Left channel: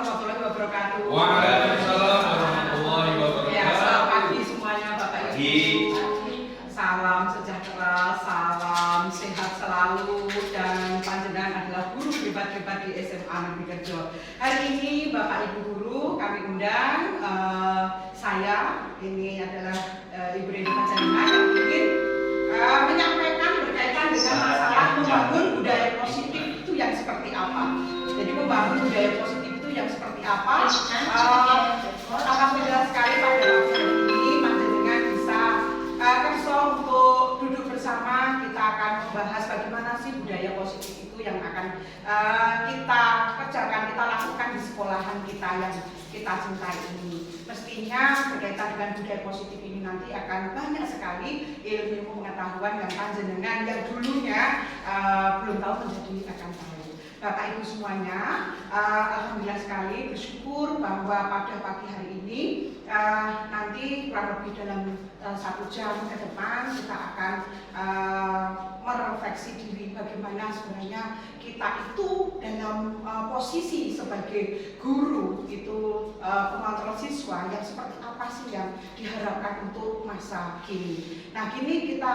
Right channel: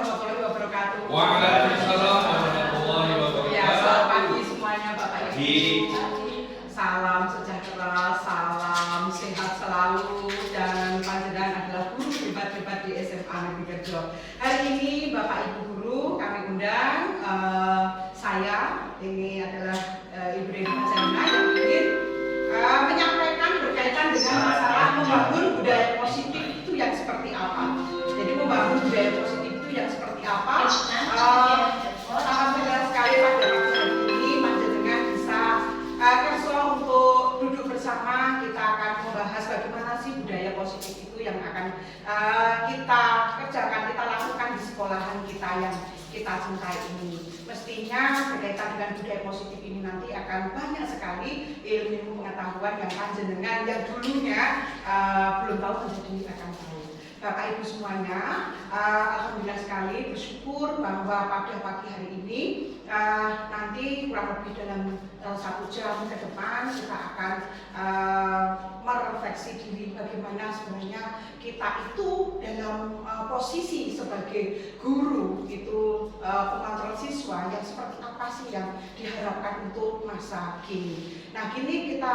warahmatullahi wabarakatuh. Waalaikumsalam warahmatullahi wabarakatuh. Ya, selamat pagi semuanya Bapak Ibu. Salam sejahtera, salam sehat selalu, dan panjenengan adalah guru hebat-hebat di SMA Negeri Kerjo. Hari ini Bapak Ibu guru kami undang, saya ini adalah Ibu Reni Panjanina yang ingin menyampaikan berkaitan dengan masalah membangun budaya positif itu yang seperti apa. Jadi membangun budaya positif itu yang seperti apa? Sangat mudah sekali pada waktu ini panjenengan bisa kerso untuk duduk bersama. Kita akan membahas bagaimana sih budaya positif itu yang akan kita kerjakan, kita lakukan di sekolahan kita yang kita cintai ini. Mestinya berkaitan dengan budaya positif ini nanti akan banyak sekali ilmu pengetahuan yang panjenengan yang dulunya belum tahu menjadi akan tahu. Bapak Ibu semuanya, alhamdulillah sekali bersyukur bahwa pada pagi hari ini nanti kurang lebih dalam 1 jam ke depan kita akan merefleksi diri bagaimana sebenarnya kita itu dalam posisi sebagai guru itu pengontrol siswa yang seperti apa sih yang diharapkan untuk masa kini. Nah, kini kita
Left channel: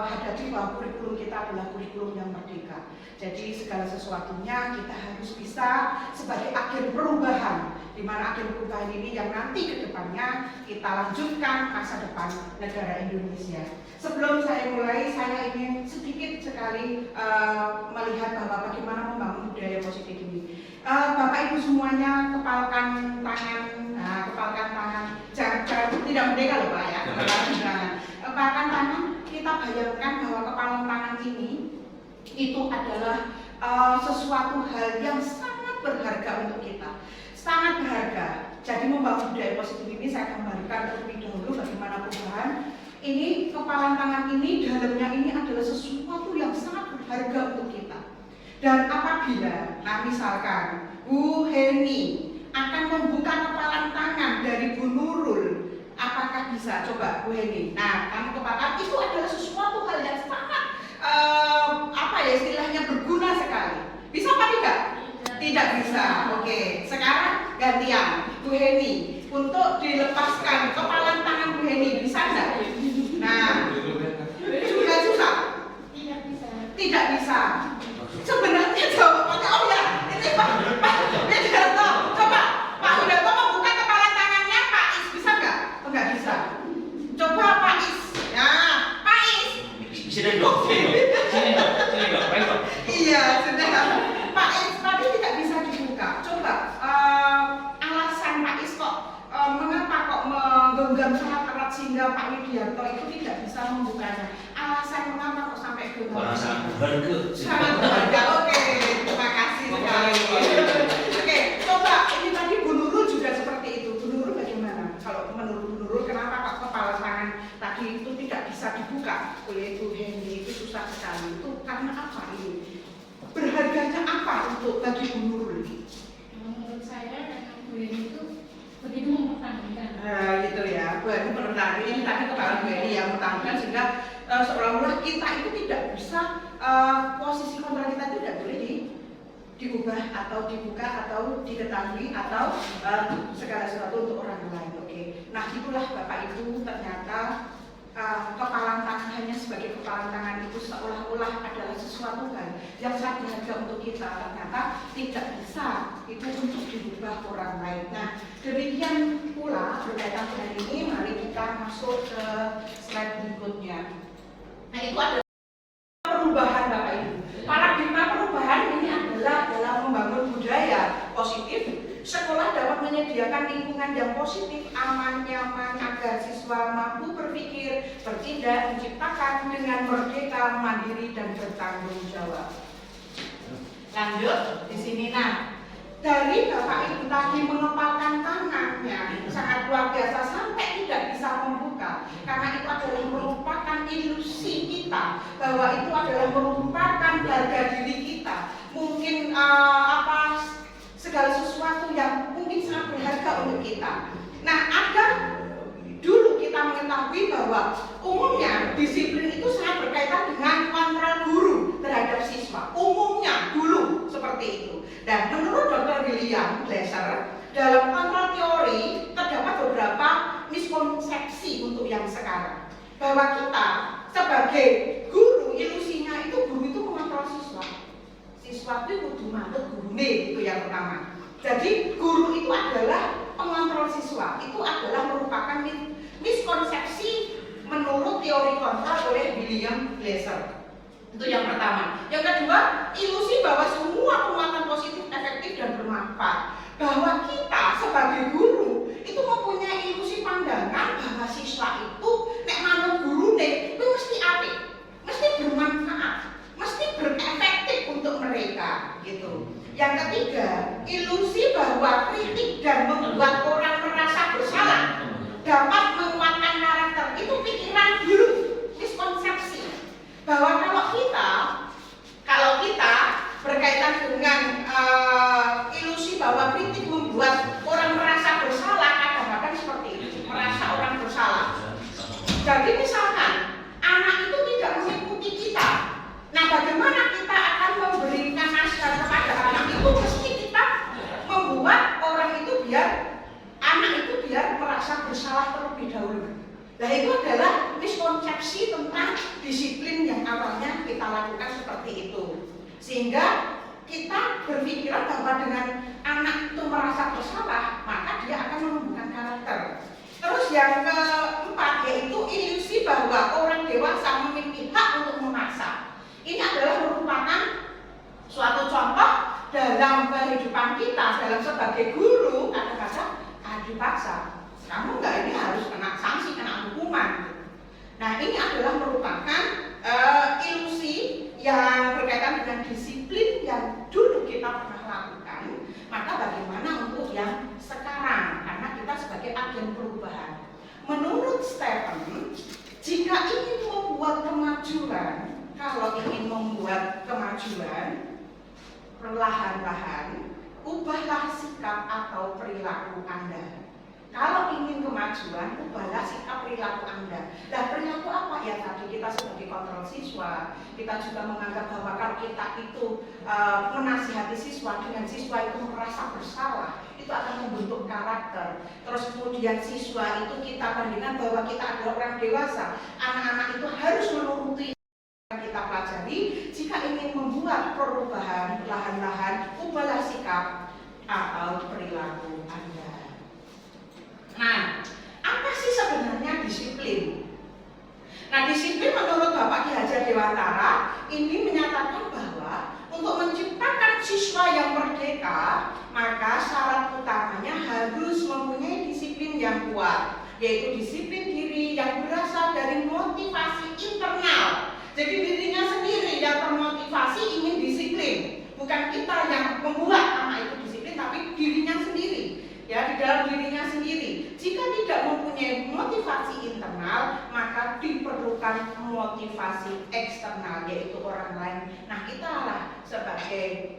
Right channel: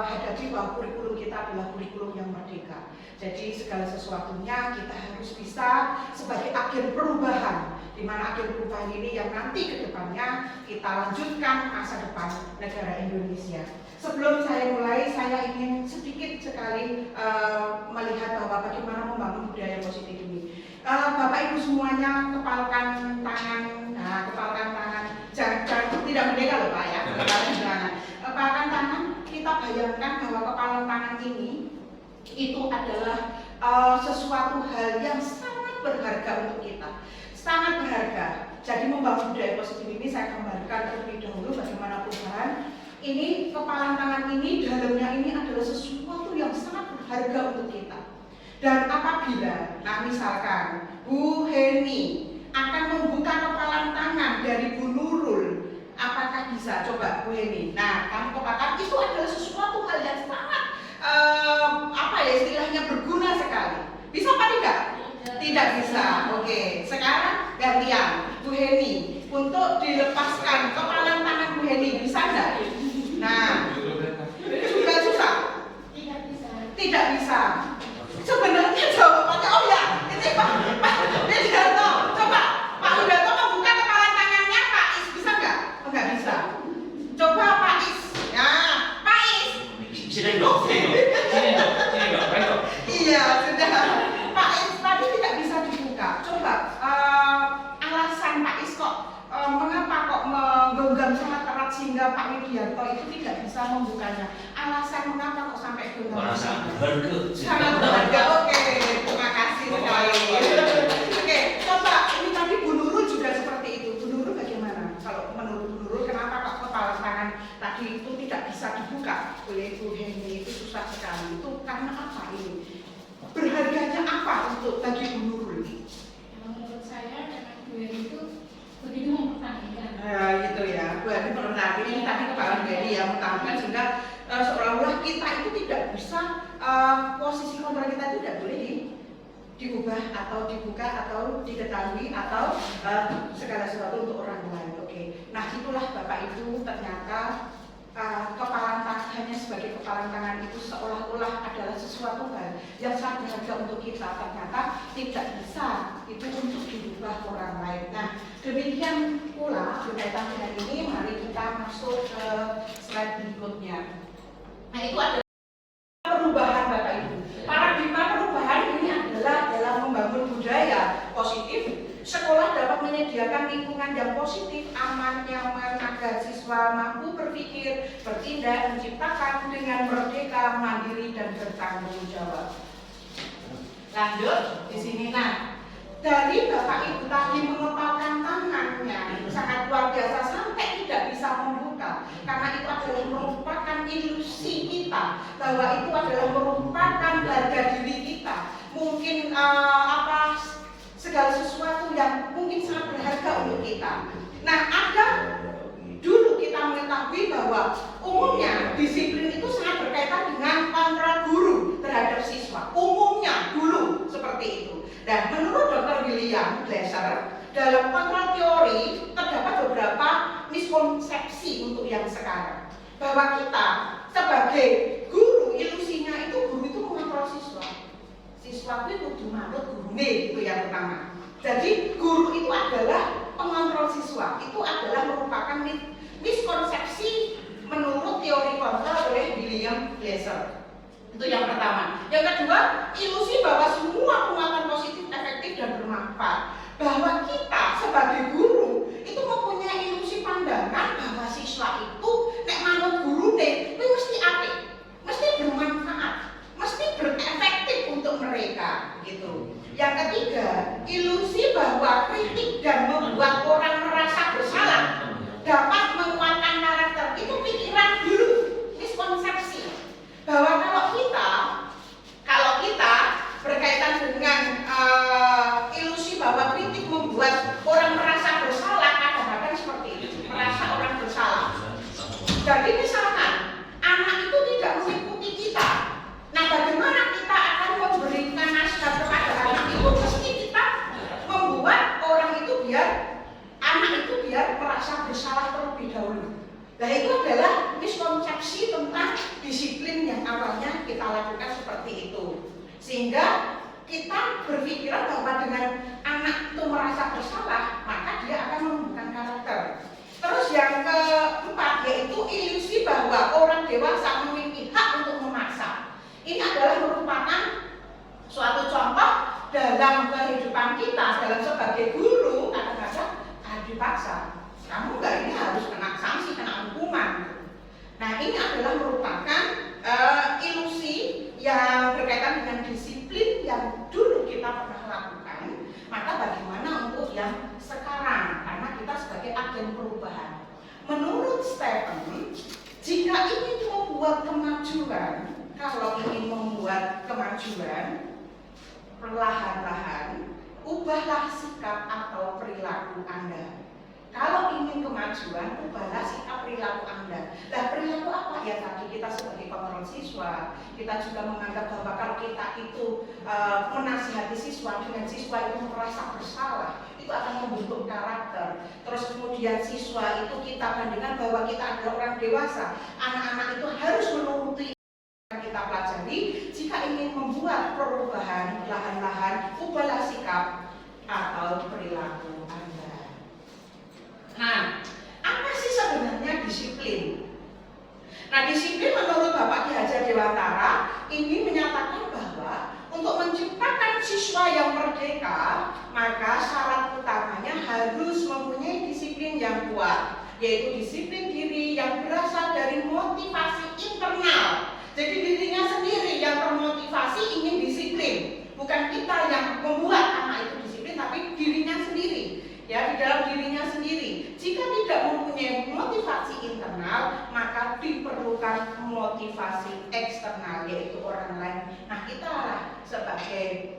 hadapi bahwa kurikulum kita adalah kurikulum yang merdeka. Jadi segala sesuatunya kita harus bisa sebagai agen perubahan, di mana agen perubahan ini yang nanti ke depannya kita lanjutkan masa depan negara Indonesia. Sebelum saya mulai, saya ingin sedikit sekali melihat bahwa bagaimana membangun budaya positif ini. Bapak Ibu semuanya kepalkan tangan, kepalkan tangan, jangan tidak merdeka loh Pak ya, kepalkan tangan. Kita bayangkan bahwa kepalan tangan ini itu adalah sesuatu hal yang sangat berharga untuk kita, sangat berharga. Jadi membangun budaya positif ini saya gambarkan terlebih dahulu bagaimana perubahan. Ini kepalan tangan ini, dalamnya ini adalah sesuatu yang sangat berharga untuk kita. Dan apabila, nah misalkan Bu Heni akan membuka kepalan tangan dari Bu Nurul, apakah bisa? Coba Bu Heni. Nah, kamu katakan itu adalah sesuatu hal yang sangat istilahnya berguna sekali. Bisa apa tidak? Tidak bisa. Oke, sekarang gantian Bu Heni untuk dilepaskan kepalan tangan Bu Heni, bisa enggak? Nah, juga susah. Tidak bisa. Sebenarnya jawabannya ini Pak Widarto. Coba Pak Widarto membuka kepalan tangannya Pak Is, bisa enggak? Enggak bisa. Coba Pak Is. Ya, Pak Is. Sini dong. Iya, sudah. Pak Is tadi tidak bisa dibuka. Coba alasan Pak Is kok mengapa kok menggenggam sangat erat sehingga Pak Widarto itu tidak bisa membukanya? Alasan mengapa kok sampai genggam? Orang sangat berharga. Sangat berharga. Oke, terima kasih sekali. Oke, coba ini tadi Bu Nurul juga seperti itu. Bu Nurul bagaimana? Kalau menurut Bu Nurul, kenapa kok kepala tangan tadi itu tidak bisa dibuka oleh Bu Heni? Itu susah sekali. Itu karena apa ini? Berharganya apa untuk bagi Bu Nurul? Menurut saya memang Bu Heni itu begitu mempertahankan. Gitu ya. Bu Heni mempertahankan ini tadi kepala Bu Heni yang mempertahankan sehingga seolah-olah kita itu tidak bisa posisi kontrol kita itu tidak boleh diubah atau dibuka atau diketahui atau segala sesuatu untuk orang lain. Oke. Nah, itulah Bapak Ibu ternyata kepalan tangan hanya sebagai kepalan tangan itu seolah-olah adalah sesuatu hal yang sangat berharga untuk kita, ternyata tidak bisa itu untuk diubah orang lain. Nah, demikian pula berkaitan dengan ini, mari kita masuk ke slide berikutnya. Nah, itu adalah perubahan Bapak Ibu. Paradigma perubahan ini adalah dalam membangun budaya positif. Sekolah dapat menyediakan lingkungan yang positif, aman, nyaman, agar siswa mampu berpikir, bertindak, menciptakan dengan merdeka, mandiri, dan bertanggung jawab. Lanjut di sini. Nah, dari Bapak Ibu tadi mengepalkan tangannya itu sangat luar biasa sampai tidak bisa membuka, karena itu adalah merupakan ilusi kita bahwa itu adalah merupakan harga diri kita. Mungkin segala sesuatu yang mungkin sangat berharga untuk kita. Nah, ada dulu kita mengetahui bahwa umumnya disiplin itu sangat berkaitan dengan kontrol guru terhadap siswa. Umumnya dulu seperti seperti itu. Dan menurut Dr. William Glasser, dalam kontrol teori terdapat beberapa miskonsepsi untuk yang sekarang. Bahwa kita sebagai guru, ilusinya itu guru itu mengontrol siswa. Siswa itu kudu manut gurune, itu yang pertama. Jadi guru itu adalah pengontrol siswa. Itu adalah merupakan miskonsepsi menurut teori kontrol oleh William Glasser. Itu yang pertama. Yang kedua, ilusi bahwa semua penguatan positif efektif dan bermanfaat. Bahwa kita sebagai guru itu mempunyai ilusi pandangan bahwa siswa itu nek manut gurune itu mesti apik, mesti bermanfaat, mesti berefektif untuk mereka gitu. Yang ketiga, ilusi bahwa kritik dan membuat orang merasa bersalah dapat menguatkan karakter. Itu pikiran dulu, miskonsepsi. Bahwa kalau kita berkaitan dengan ilusi bahwa kritik membuat orang merasa bersalah, kadang-kadang seperti itu, merasa orang bersalah. Jadi misalkan anak itu tidak mengikuti kita, nah bagaimana kita akan memberikan nasihat kepada anak itu? Mesti kita membuat orang itu anak itu biar merasa bersalah terlebih dahulu. Nah itu adalah miskonsepsi tentang disiplin yang awalnya kita lakukan seperti itu. Sehingga kita berpikiran bahwa dengan anak itu merasa bersalah, maka dia akan menumbuhkan karakter. Terus yang keempat yaitu ilusi bahwa orang dewasa memiliki hak untuk memaksa. Ini adalah merupakan suatu contoh dalam kehidupan kita, dalam sebagai guru, kadang-kadang dipaksa. Kamu enggak ini harus kena sanksi, kena hukuman. Nah ini adalah merupakan ilusi yang berkaitan dengan disiplin yang dulu kita pernah lakukan. Maka bagaimana untuk yang sekarang? Karena kita sebagai agen perubahan. Menurut Stephen, jika ingin membuat kemajuan, kalau ingin membuat kemajuan, perlahan-lahan ubahlah sikap atau perilaku Anda. Kalau ingin kemajuan, ubahlah sikap perilaku Anda. Nah, perilaku apa ya tadi? Kita sebagai kontrol siswa, kita juga menganggap bahwa kalau kita itu menasihati siswa, dengan siswa itu merasa bersalah, itu akan membentuk karakter. Terus kemudian siswa itu kita bandingkan bahwa kita adalah orang dewasa. Anak-anak itu harus menuruti yang kita pelajari. Jika ingin membuat perubahan, perlahan-lahan ubahlah sikap atau perilaku Anda. Nah, apa sih sebenarnya disiplin? Nah, disiplin menurut Bapak Ki Hajar Dewantara ini menyatakan bahwa untuk menciptakan siswa yang merdeka, maka syarat utamanya harus mempunyai disiplin yang kuat, yaitu disiplin diri yang berasal dari motivasi internal. Jadi dirinya sendiri yang termotivasi ingin disiplin, bukan kita yang membuat anak itu disiplin, tapi dirinya sendiri. Ya, di dalam dirinya sendiri. Jika tidak mempunyai motivasi internal, maka diperlukan motivasi eksternal, yaitu orang lain. Nah, kita lah sebagai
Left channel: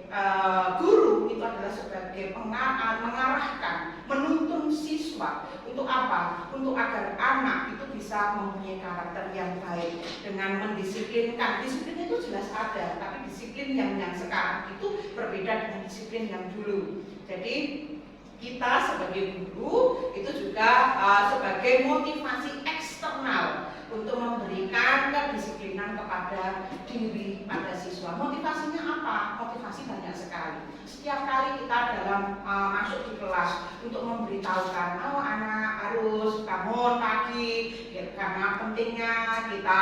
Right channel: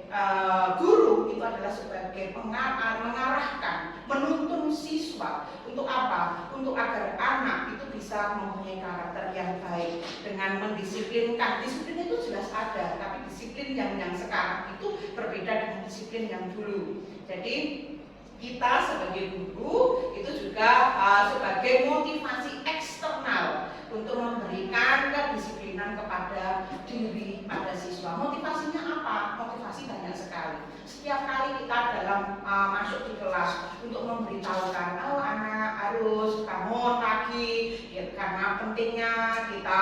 guru itu adalah sebagai mengarahkan, menuntun siswa untuk apa? Untuk agar anak itu bisa mempunyai karakter yang baik dengan mendisiplinkan. Disiplin itu jelas ada, tapi disiplin yang sekarang itu berbeda dengan disiplin yang dulu. Jadi kita sebagai guru itu juga sebagai motivasi eksternal untuk memberikan kedisiplinan kepada diri pada siswa. Motivasinya apa? Motivasi banyak sekali. Setiap kali kita dalam masuk di kelas untuk memberitahukan, oh anak harus bangun pagi, ya, karena pentingnya kita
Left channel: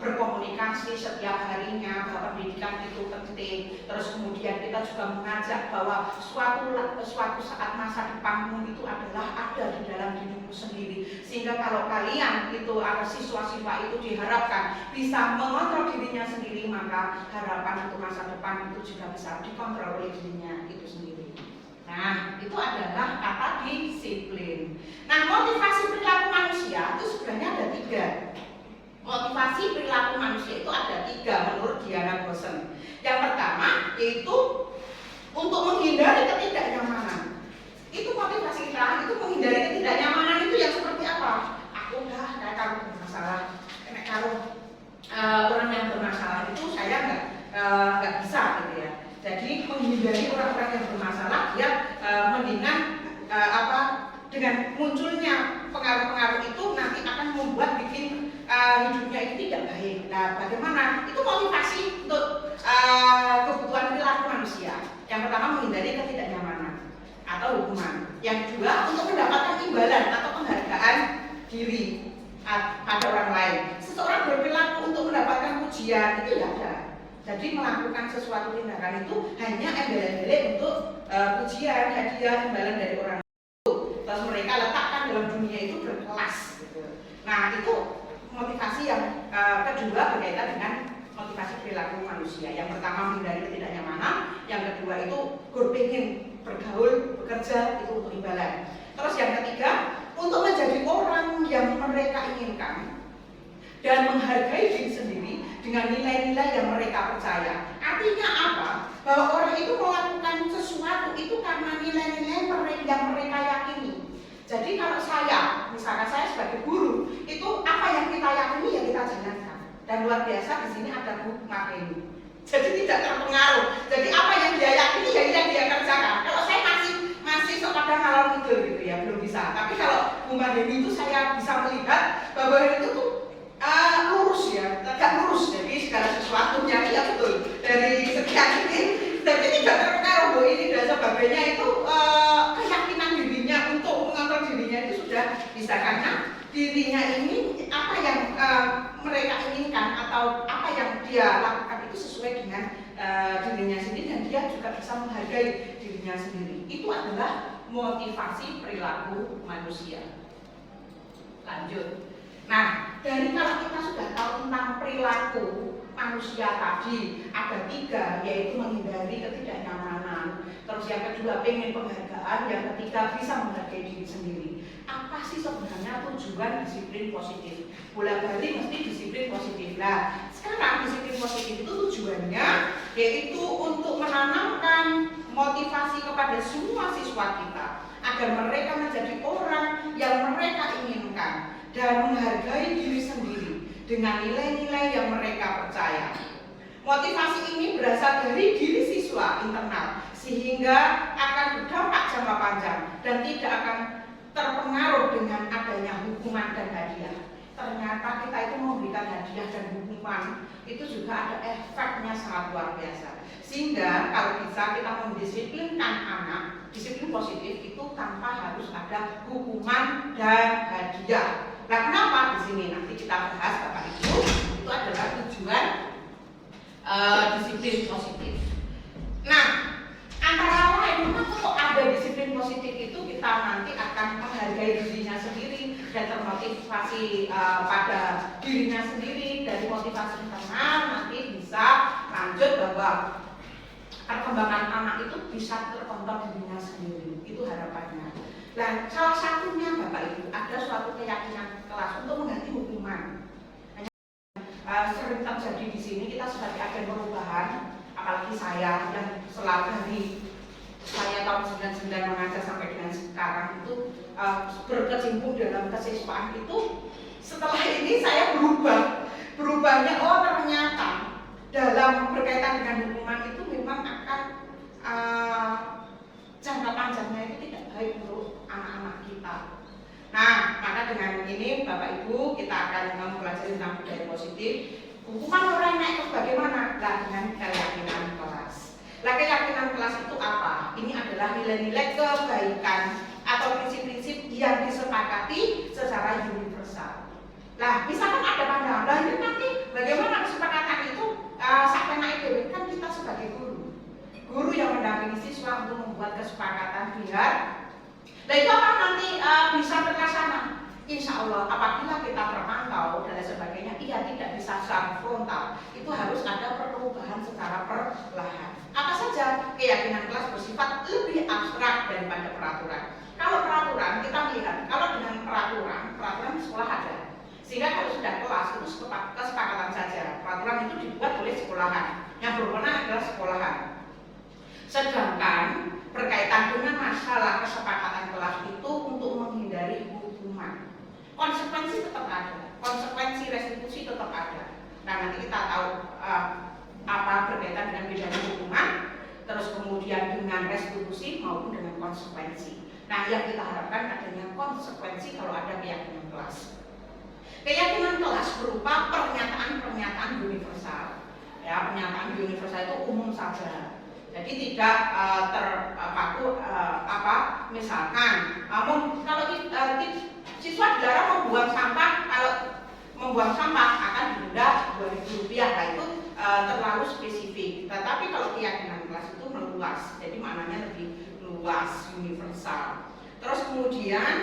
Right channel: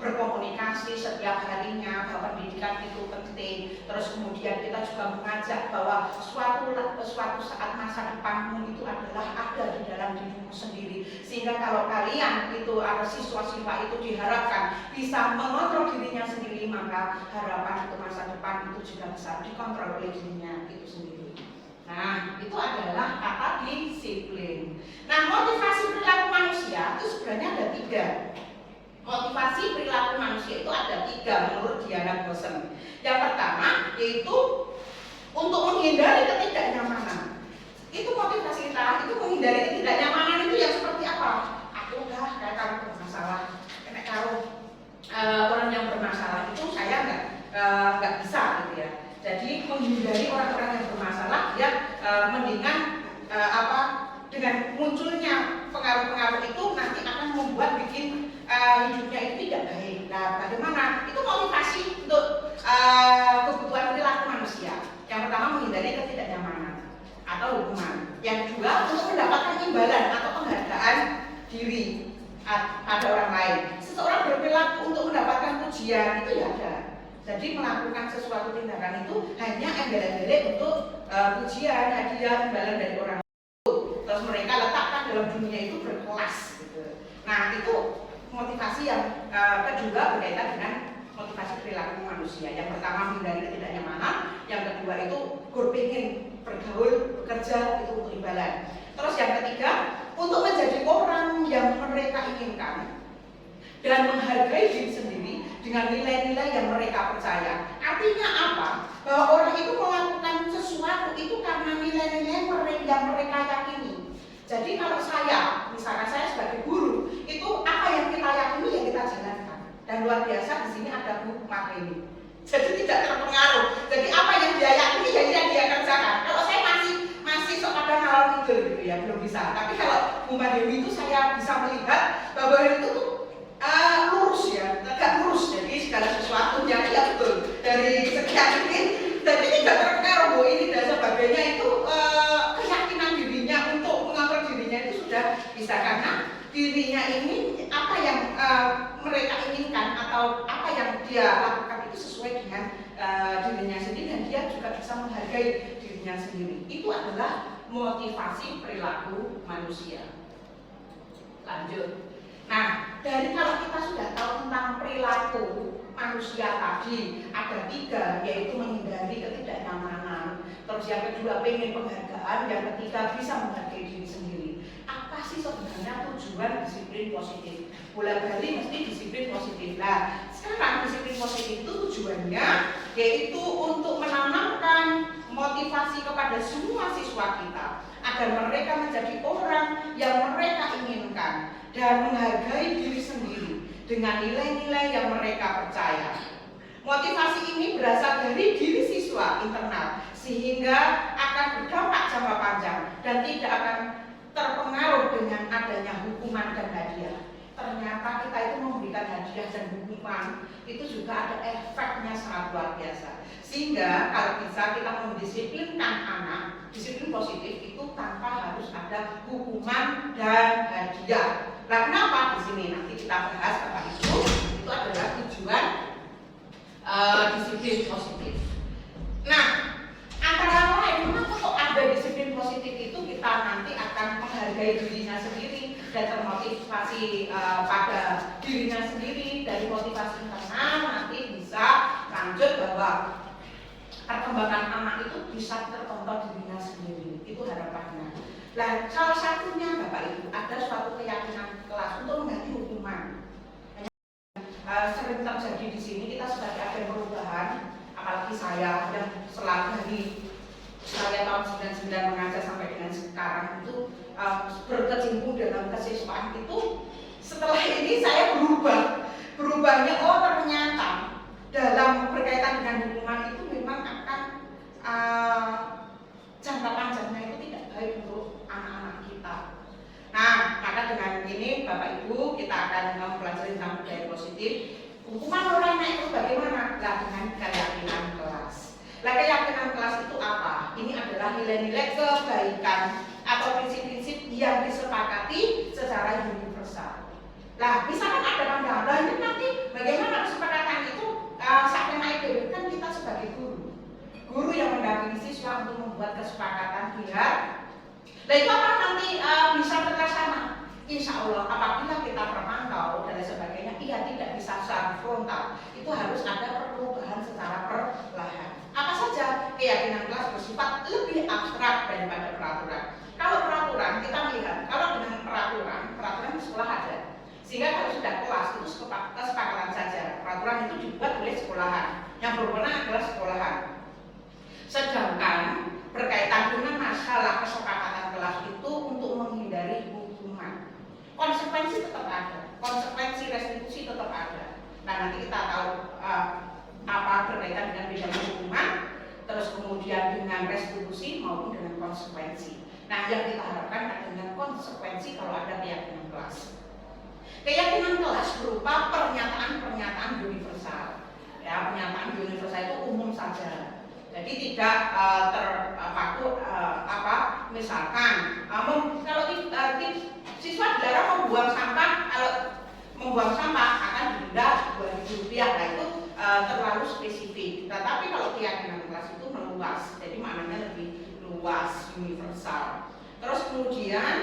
berkomunikasi setiap harinya, bahwa pendidikan itu penting. Terus kemudian kita juga mengajak bahwa suatu saat masa depanmu itu adalah ada di dalam dirimu sendiri. Sehingga kalau kalian itu ada siswa-siswa itu diharapkan bisa mengontrol dirinya sendiri, maka harapan untuk masa depan itu juga bisa dikontrol oleh dirinya itu sendiri. Nah, itu adalah kata disiplin. Nah, motivasi perilaku manusia itu sebenarnya ada 3. Motivasi perilaku manusia itu ada 3 menurut Diana Gosen. Yang pertama yaitu untuk menghindari ketidaknyamanan. Itu motivasi kita, itu menghindari ketidaknyamanan itu yang seperti apa? Aku udah kayak kamu bermasalah, kalau orang yang bermasalah itu saya nggak bisa gitu ya. Jadi pada orang lain. Seseorang berperilaku untuk mendapatkan pujian itu ya ada. Jadi melakukan sesuatu tindakan itu hanya embel-embel untuk pujian, hadiah, imbalan dari orang itu. Terus mereka letakkan dalam dunia itu berkelas gitu. Nah itu motivasi yang kedua berkaitan dengan motivasi perilaku manusia. Yang pertama menghindari ketidaknyamanan, yang kedua itu berpikir bergaul, bekerja itu untuk imbalan. Terus yang ketiga untuk menjadi orang yang mereka inginkan dan menghargai diri sendiri dengan nilai-nilai yang mereka percaya. Artinya apa? Bahwa orang itu melakukan sesuatu itu karena nilai-nilai yang mereka yakini. Jadi kalau saya, misalkan saya sebagai guru, itu apa yang kita yakini yang kita jalankan. Dan luar biasa di sini ada Bu Marini. Jadi tidak terpengaruh. Jadi apa yang dia yakini yang dia kerjakan. Kalau saya masih sekadar ngalor ngidul gitu ya, belum bisa. Tapi kalau Bu Marini itu saya bisa melihat bahwa itu tuh lurus ya, tegak lurus. Jadi segala sesuatunya ya betul dari sekian ini. Jadi tidak terpengaruh Bu ini dan sebagainya itu keyakinan dirinya untuk mengontrol dirinya itu sudah bisa karena dirinya ini apa yang mereka inginkan atau apa yang dia lakukan itu sesuai dengan dirinya sendiri dan dia juga bisa menghargai dirinya sendiri. Itu adalah motivasi perilaku manusia. Lanjut. Nah, dari kalau kita sudah tahu tentang perilaku manusia tadi ada 3, yaitu menghindari ketidaknyamanan. Terus yang kedua pengen penghargaan, yang ketiga bisa menghargai diri sendiri. Apa sih sebenarnya tujuan disiplin positif? Bola-balik mesti disiplin positif. Nah, sekarang disiplin positif itu tujuannya yaitu untuk menanamkan motivasi kepada semua siswa kita agar mereka menjadi orang yang mereka inginkan dan menghargai diri sendiri dengan nilai-nilai yang mereka percaya. Motivasi ini berasal dari diri siswa internal sehingga akan berdampak jangka panjang dan tidak akan terpengaruh dengan adanya hukuman dan hadiah. Ternyata kita itu memberikan hadiah dan hukuman itu juga ada efeknya sangat luar biasa. Sehingga kalau bisa kita mendisiplinkan anak, disiplin positif itu tanpa harus ada hukuman dan hadiah. Nah, kenapa di sini nanti kita bahas Bapak Ibu itu adalah tujuan disiplin positif. Nah, antara lain mengapa kok ada disiplin positif itu kita nanti akan menghargai dirinya sendiri dan termotivasi pada dirinya sendiri dari motivasi internal nanti bisa lanjut bahwa perkembangan anak itu bisa terkontrol dirinya sendiri. Itu harapannya. Nah, salah satunya Bapak Ibu ada suatu keyakinan kelas untuk mengganti hukuman. Sering terjadi di sini kita sebagai agen perubahan, apalagi saya yang selalu dari saya tahun 99 mengajar sampai dengan sekarang itu berkecimpung dalam kesiswaan itu. Setelah ini saya berubahnya ternyata dalam berkaitan dengan hukuman itu memang akan jangka panjangnya itu tidak baik untuk anak-anak kita. Nah, maka dengan ini Bapak Ibu kita akan mempelajari tentang budaya positif. Hukuman orang naik itu bagaimana? Nah, dengan keyakinan kelas. Nah, keyakinan kelas itu apa? Ini adalah nilai-nilai kebaikan atau prinsip-prinsip yang disepakati secara universal. Nah, misalkan ada pandangan ini nanti bagaimana kesepakatan itu sampai naik dewe kan kita sebagai guru yang mendampingi siswa untuk membuat kesepakatan biar nah itu akan nanti bisa terlaksana. Insya Allah apabila kita terpantau dan sebagainya ia tidak bisa secara frontal, itu harus ada perubahan secara perlahan. Apa saja? Keyakinan kelas bersifat lebih abstrak daripada peraturan. Kalau peraturan kita melihat, kalau dengan peraturan di sekolah ada. Sehingga kalau sudah kelas itu kesepakatan saja. Peraturan itu dibuat oleh sekolahan. Yang berwenang adalah sekolahan. Sedangkan berkaitan dengan masalah kesepakatan kelas itu untuk menghindari hukuman. Konsekuensi tetap ada. Konsekuensi restitusi tetap ada. Nah, nanti kita tahu apa berkaitan dengan pidana hukuman, terus kemudian dengan restitusi maupun dengan konsekuensi. Nah, yang kita harapkan adalah dengan konsekuensi kalau ada keyakinan kelas. Keyakinan kelas berupa pernyataan-pernyataan universal. Ya, pernyataan universal itu umum saja. Jadi tidak terpaku misalkan kalau siswa dilarang membuang sampah kalau membuang sampah akan didenda Rp2.000. Nah itu terlalu spesifik. Tetapi kalau keyakinan kelas itu meluas, jadi maknanya lebih luas, universal. Terus kemudian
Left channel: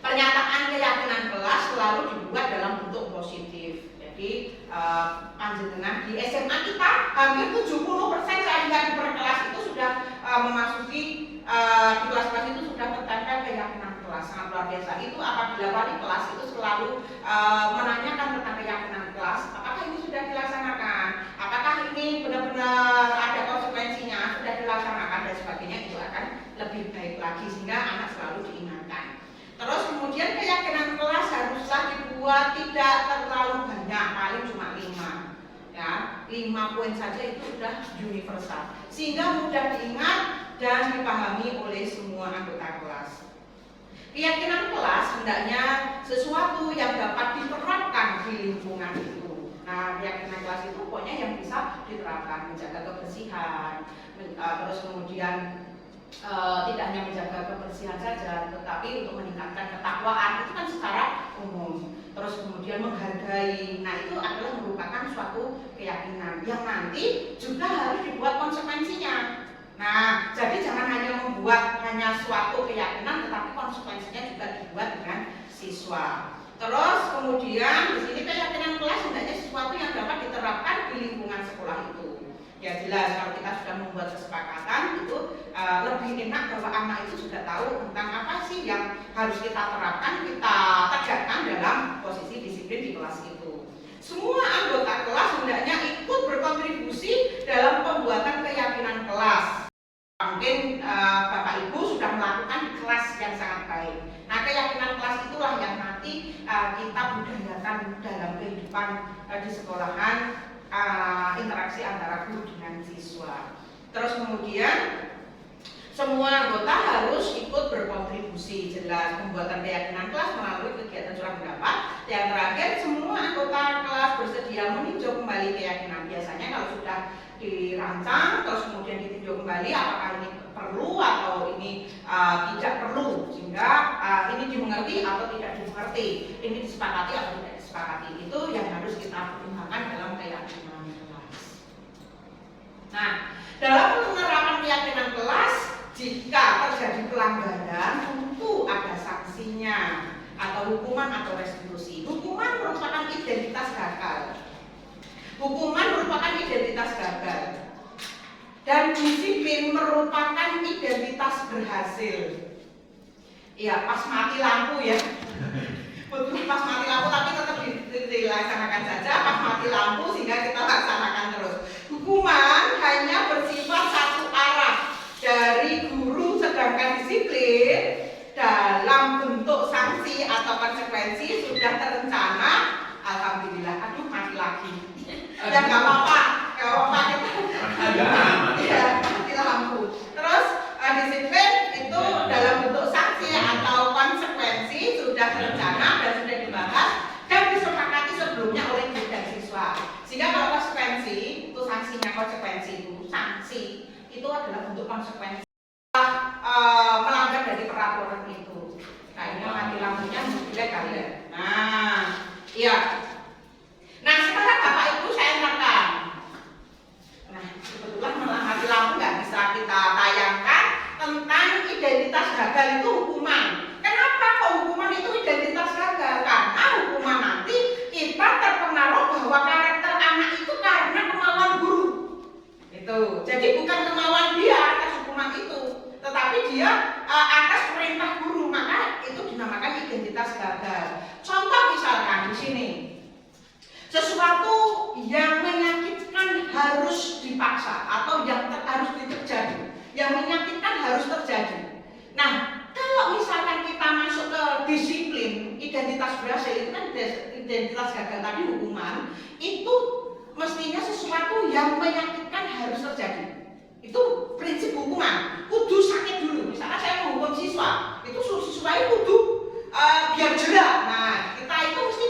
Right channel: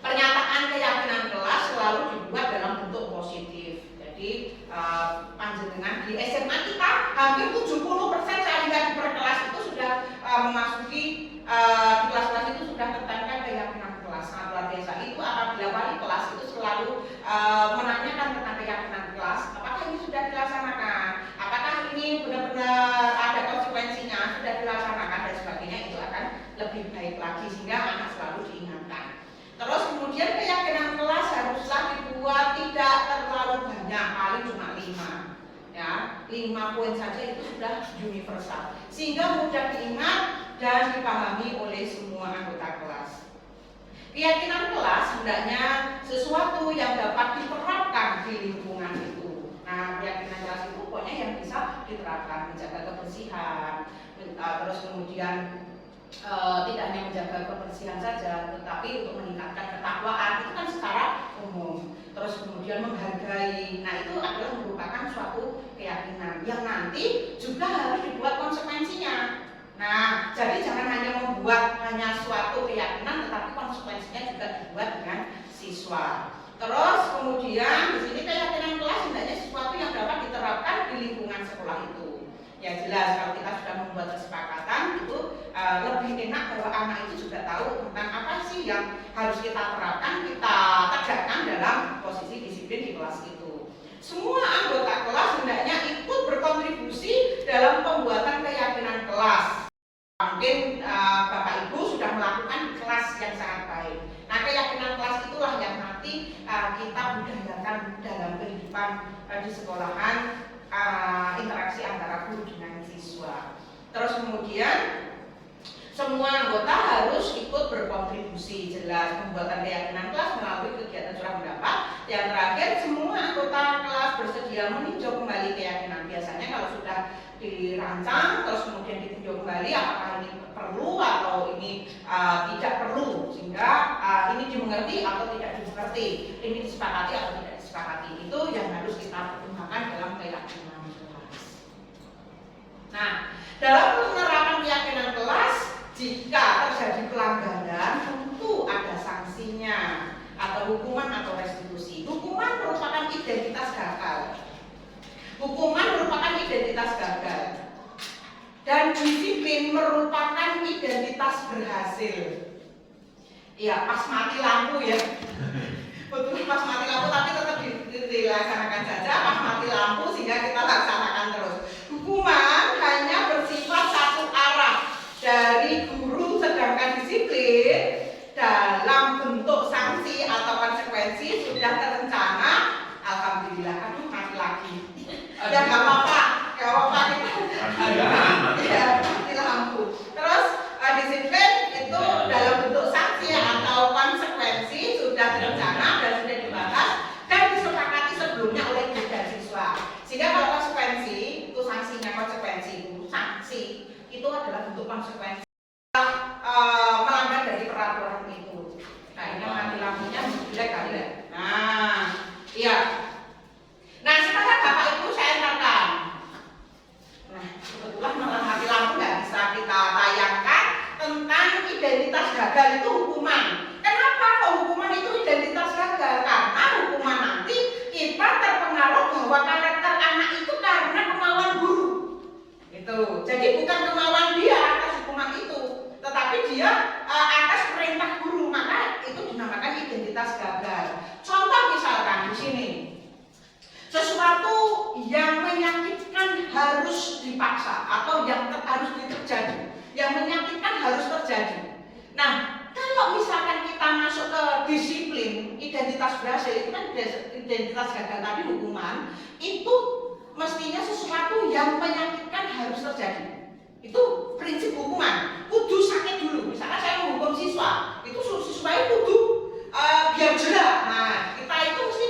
pernyataan keyakinan kelas selalu dibuat dalam bentuk positif. Jadi panjenengan di SMA kita hampir 70% saya lihat di per kelas itu sudah memasuki di kelas-kelas itu sudah tertempel keyakinan kelas. Sangat luar biasa. Itu apabila wali kelas itu selalu menanyakan tentang keyakinan kelas, apakah ini sudah dilaksanakan, apakah ini benar-benar ada konsekuensinya, sudah dilaksanakan dan sebagainya, itu akan lebih baik lagi sehingga anak selalu diingatkan. Terus kemudian keyakinan kelas haruslah dibuat tidak terlalu banyak, paling cuma 5 ya, 5 poin saja itu sudah universal sehingga mudah diingat dan dipahami oleh semua anggota kelas. Keyakinan kelas hendaknya sesuatu yang dapat diterapkan di lingkungan itu. Nah, keyakinan kelas itu pokoknya yang bisa diterapkan, menjaga kebersihan, terus kemudian tidak hanya menjaga kebersihan saja, tetapi untuk meningkatkan ketakwaan itu kan secara umum. Terus kemudian menghargai, nah itu adalah merupakan suatu keyakinan yang nanti juga harus dibuat konsekuensinya. Nah, jadi jangan hanya membuat hanya suatu keyakinan, tetapi konsekuensinya juga dibuat dengan siswa. Terus kemudian di sini keyakinan kelas hendaknya sesuatu yang dapat diterapkan di lingkungan sekolah itu. Ya jelas kalau kita sudah membuat kesepakatan itu lebih enak kalau anak itu juga tahu tentang apa sih yang harus kita terapkan, kita tegakkan dalam posisi disiplin di kelas itu. Semua anggota kelas hendaknya ikut berkontribusi dalam pembuatan keyakinan kelas. Mungkin Bapak Ibu sudah melakukan di kelas yang sangat baik. Nah keyakinan kelas itulah yang nanti kita budayakan dalam kehidupan di sekolahan. Interaksi antara guru dengan siswa. Terus kemudian semua anggota harus ikut berkontribusi, jelas pembuatan keyakinan kelas melalui kegiatan curah pendapat. Yang terakhir, semua anggota kelas bersedia meninjau kembali keyakinan. Biasanya kalau sudah dirancang terus kemudian ditinjau kembali apakah ini perlu atau ini tidak perlu, sehingga ini dimengerti atau tidak dimengerti, ini disepakati atau tidak disepakati, itu yang harus kita pertimbangkan dalam keyakinan kelas. Nah, dalam penerapan keyakinan kelas, jika terjadi pelanggaran tentu ada sanksinya atau hukuman atau restitusi. Hukuman merupakan identitas gagal. Hukuman merupakan identitas gagal. Dan disiplin merupakan identitas berhasil. Ya, pas mati lampu ya. Betul pas mati lampu tapi tetap dilaksanakan saja pas mati lampu sehingga kita laksanakan terus. Hukuman hanya bersifat satu arah dari guru, sedangkan disiplin dalam bentuk sanksi atau konsekuensi sudah terencana. Alhamdulillah, aduh mati lagi. Ya nggak apa-apa, nggak apa-apa kita mati lampu. Terus disiplin itu dalam bentuk sanksi atau konsekuensi sudah terencana dan sudah dibahas dan disepakati sebelumnya oleh guru dan siswa. Sehingga kalau konsekuensi itu sanksinya konsekuensi itu sanksi itu adalah bentuk konsekuensi melanggar dari peraturan itu. Nah ini mati lampunya jelek kali ya. Nah, iya. Nah sekarang Bapak Ibu saya ingatkan. Nah kebetulan malah mati lampu nggak bisa kita tayangkan tentang identitas gagal itu hukuman. Kenapa kok hukuman itu identitas gagal? Karena hukuman nanti kita terpengaruh bahwa karakter anak itu karena kemauan guru. Itu. Jadi bukan kemauan dia atas hukuman itu, tetapi dia atas perintah guru, maka itu dinamakan identitas gagal. Contoh misalkan di sini, sesuatu yang menyakitkan harus dipaksa atau yang harus terjadi, yang menyakitkan harus terjadi. Nah, kalau misalkan kita masuk ke disiplin, identitas berhasil itu kan identitas gagal tadi hukuman, itu mestinya sesuatu yang menyakitkan harus terjadi. Itu prinsip hukuman. Kudu sakit dulu. Misalkan saya menghukum siswa, itu siswa itu kudu biar jerak. Nah, kita itu mesti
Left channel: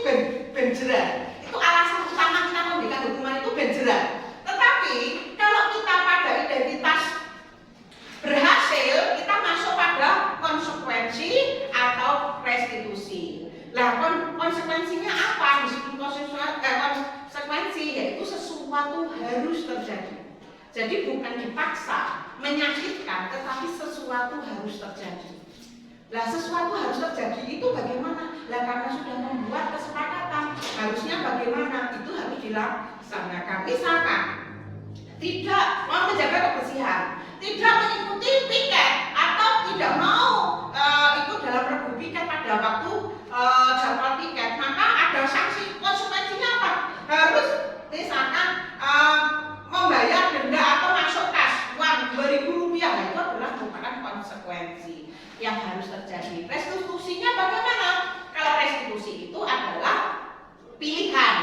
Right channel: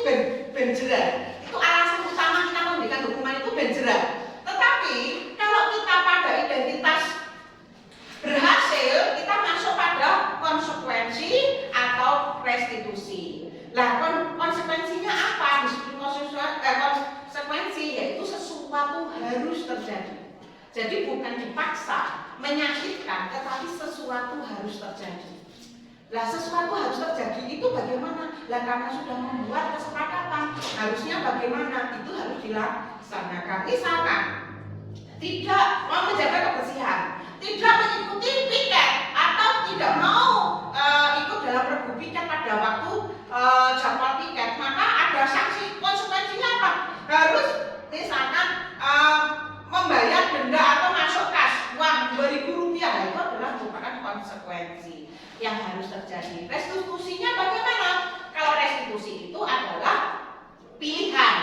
ben jerak. Itu alasan utama kita memberikan hukuman itu ben jerak. Tetapi kalau kita pada identitas berhasil, kita masuk pada konsekuensi atau restitusi. Lah konsekuensinya apa? harus terjadi. Jadi bukan dipaksa, menyakitkan, tetapi sesuatu harus terjadi. Lah sesuatu harus terjadi itu bagaimana? Lah karena sudah membuat kesepakatan, harusnya bagaimana? Itu harus dilaksanakan. Misalkan tidak mau menjaga kebersihan, tidak mengikuti piket atau tidak mau ikut dalam regu piket pada waktu jadwal piket, maka ada sanksi. Konsekuensinya apa? Harus misalkan membayar denda atau masuk kas uang Rp2.000. Nah, itu adalah merupakan konsekuensi yang harus terjadi. Restitusinya bagaimana? Kalau restitusi itu adalah pilihan.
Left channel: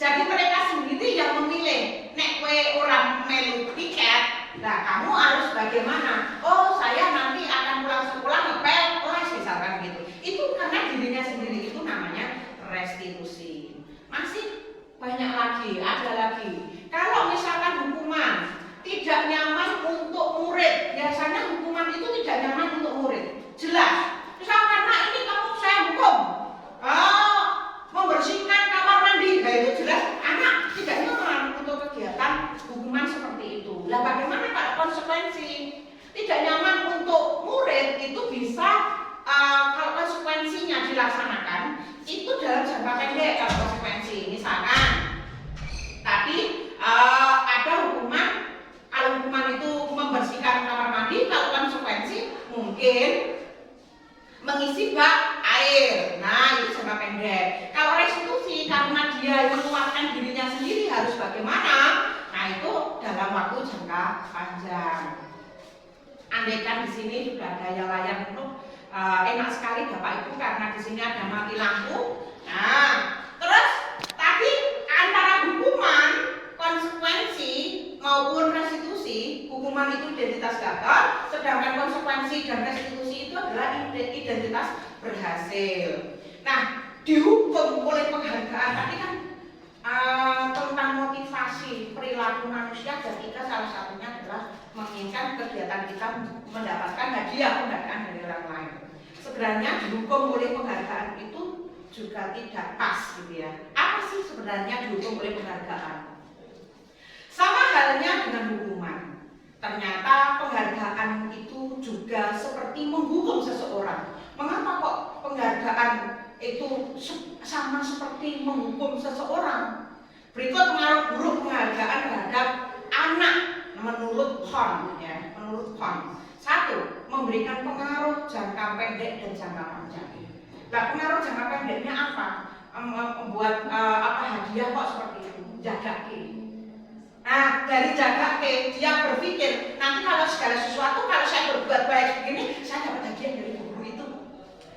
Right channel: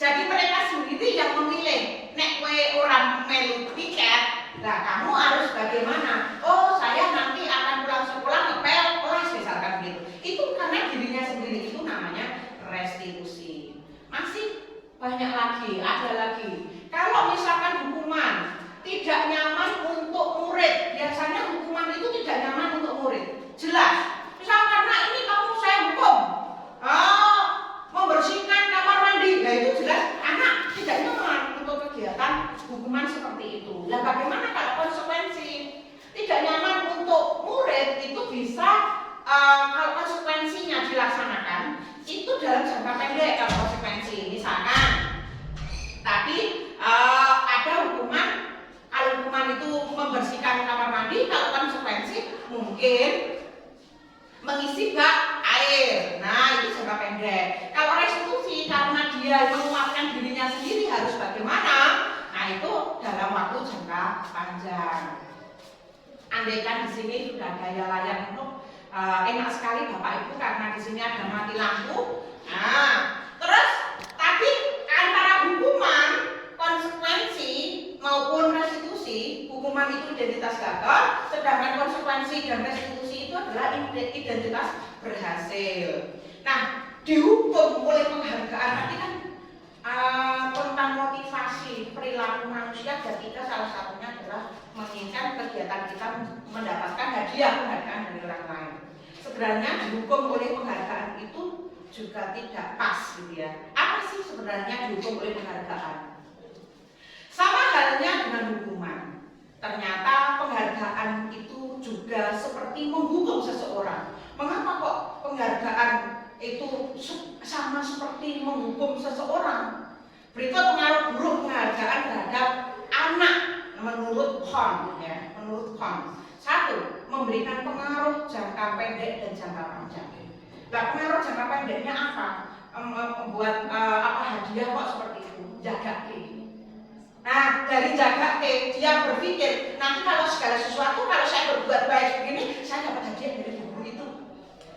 Jadi mereka sendiri yang memilih. Nek kowe orang melu piket, nah kamu harus bagaimana? Oh, saya nanti akan pulang sekolah ngepel kelas misalkan gitu. Itu karena dirinya sendiri, itu namanya restitusi. Masih banyak lagi, ada lagi. Kalau misalkan hukuman tidak nyaman untuk murid, biasanya hukuman itu tidak nyaman untuk murid. Jelas. Misal karena ini kamu saya hukum membersihkan kamar mandi, nah itu jelas anak tidak nyaman untuk kegiatan hukuman seperti itu. Lah bagaimana kalau konsekuensi tidak nyaman untuk murid itu bisa kalau konsekuensinya dilaksanakan itu dalam jangka pendek. Kalau konsekuensi misalkan tapi ada hukuman, kalau hukuman itu membersihkan kamar mandi, kalau konsekuensi mungkin mengisi bak air. Nah, itu jangka pendek. Kalau restitusi karena dia menguatkan dirinya sendiri harus bagaimana? Nah, itu dalam waktu jangka panjang. Andaikan di sini sudah ada yang layak untuk enak sekali Bapak Ibu karena di sini ada mati lampu. Nah, terus tapi antara hukuman, konsekuensi maupun restitusi, hukuman itu identitas gagal, sedangkan konsekuensi dan restitusi itu adalah identitas berhasil. Nah, dihukum oleh penghargaan tadi kan tentang motivasi perilaku manusia, ketika salah satunya adalah menginginkan kegiatan kita mendapatkan hadiah penghargaan dari orang lain. Sebenarnya dihukum oleh penghargaan itu juga tidak pas gitu ya. Apa sih sebenarnya dihukum oleh penghargaan? Sama halnya dengan hukuman. Ternyata penghargaan itu juga seperti menghukum seseorang. Mengapa kok penghargaan itu sama seperti menghukum seseorang? Berikut pengaruh buruk penghargaan terhadap anak menurut Kohn ya, menurut Kohn. 1. Memberikan pengaruh jangka pendek dan jangka panjang. Nah, pengaruh jangka pendeknya apa? Membuat hadiah kok seperti itu, jaga ke. Nah, dari jaga ke dia berpikir nanti kalau segala sesuatu kalau saya berbuat baik begini, saya dapat hadiah dari guru itu.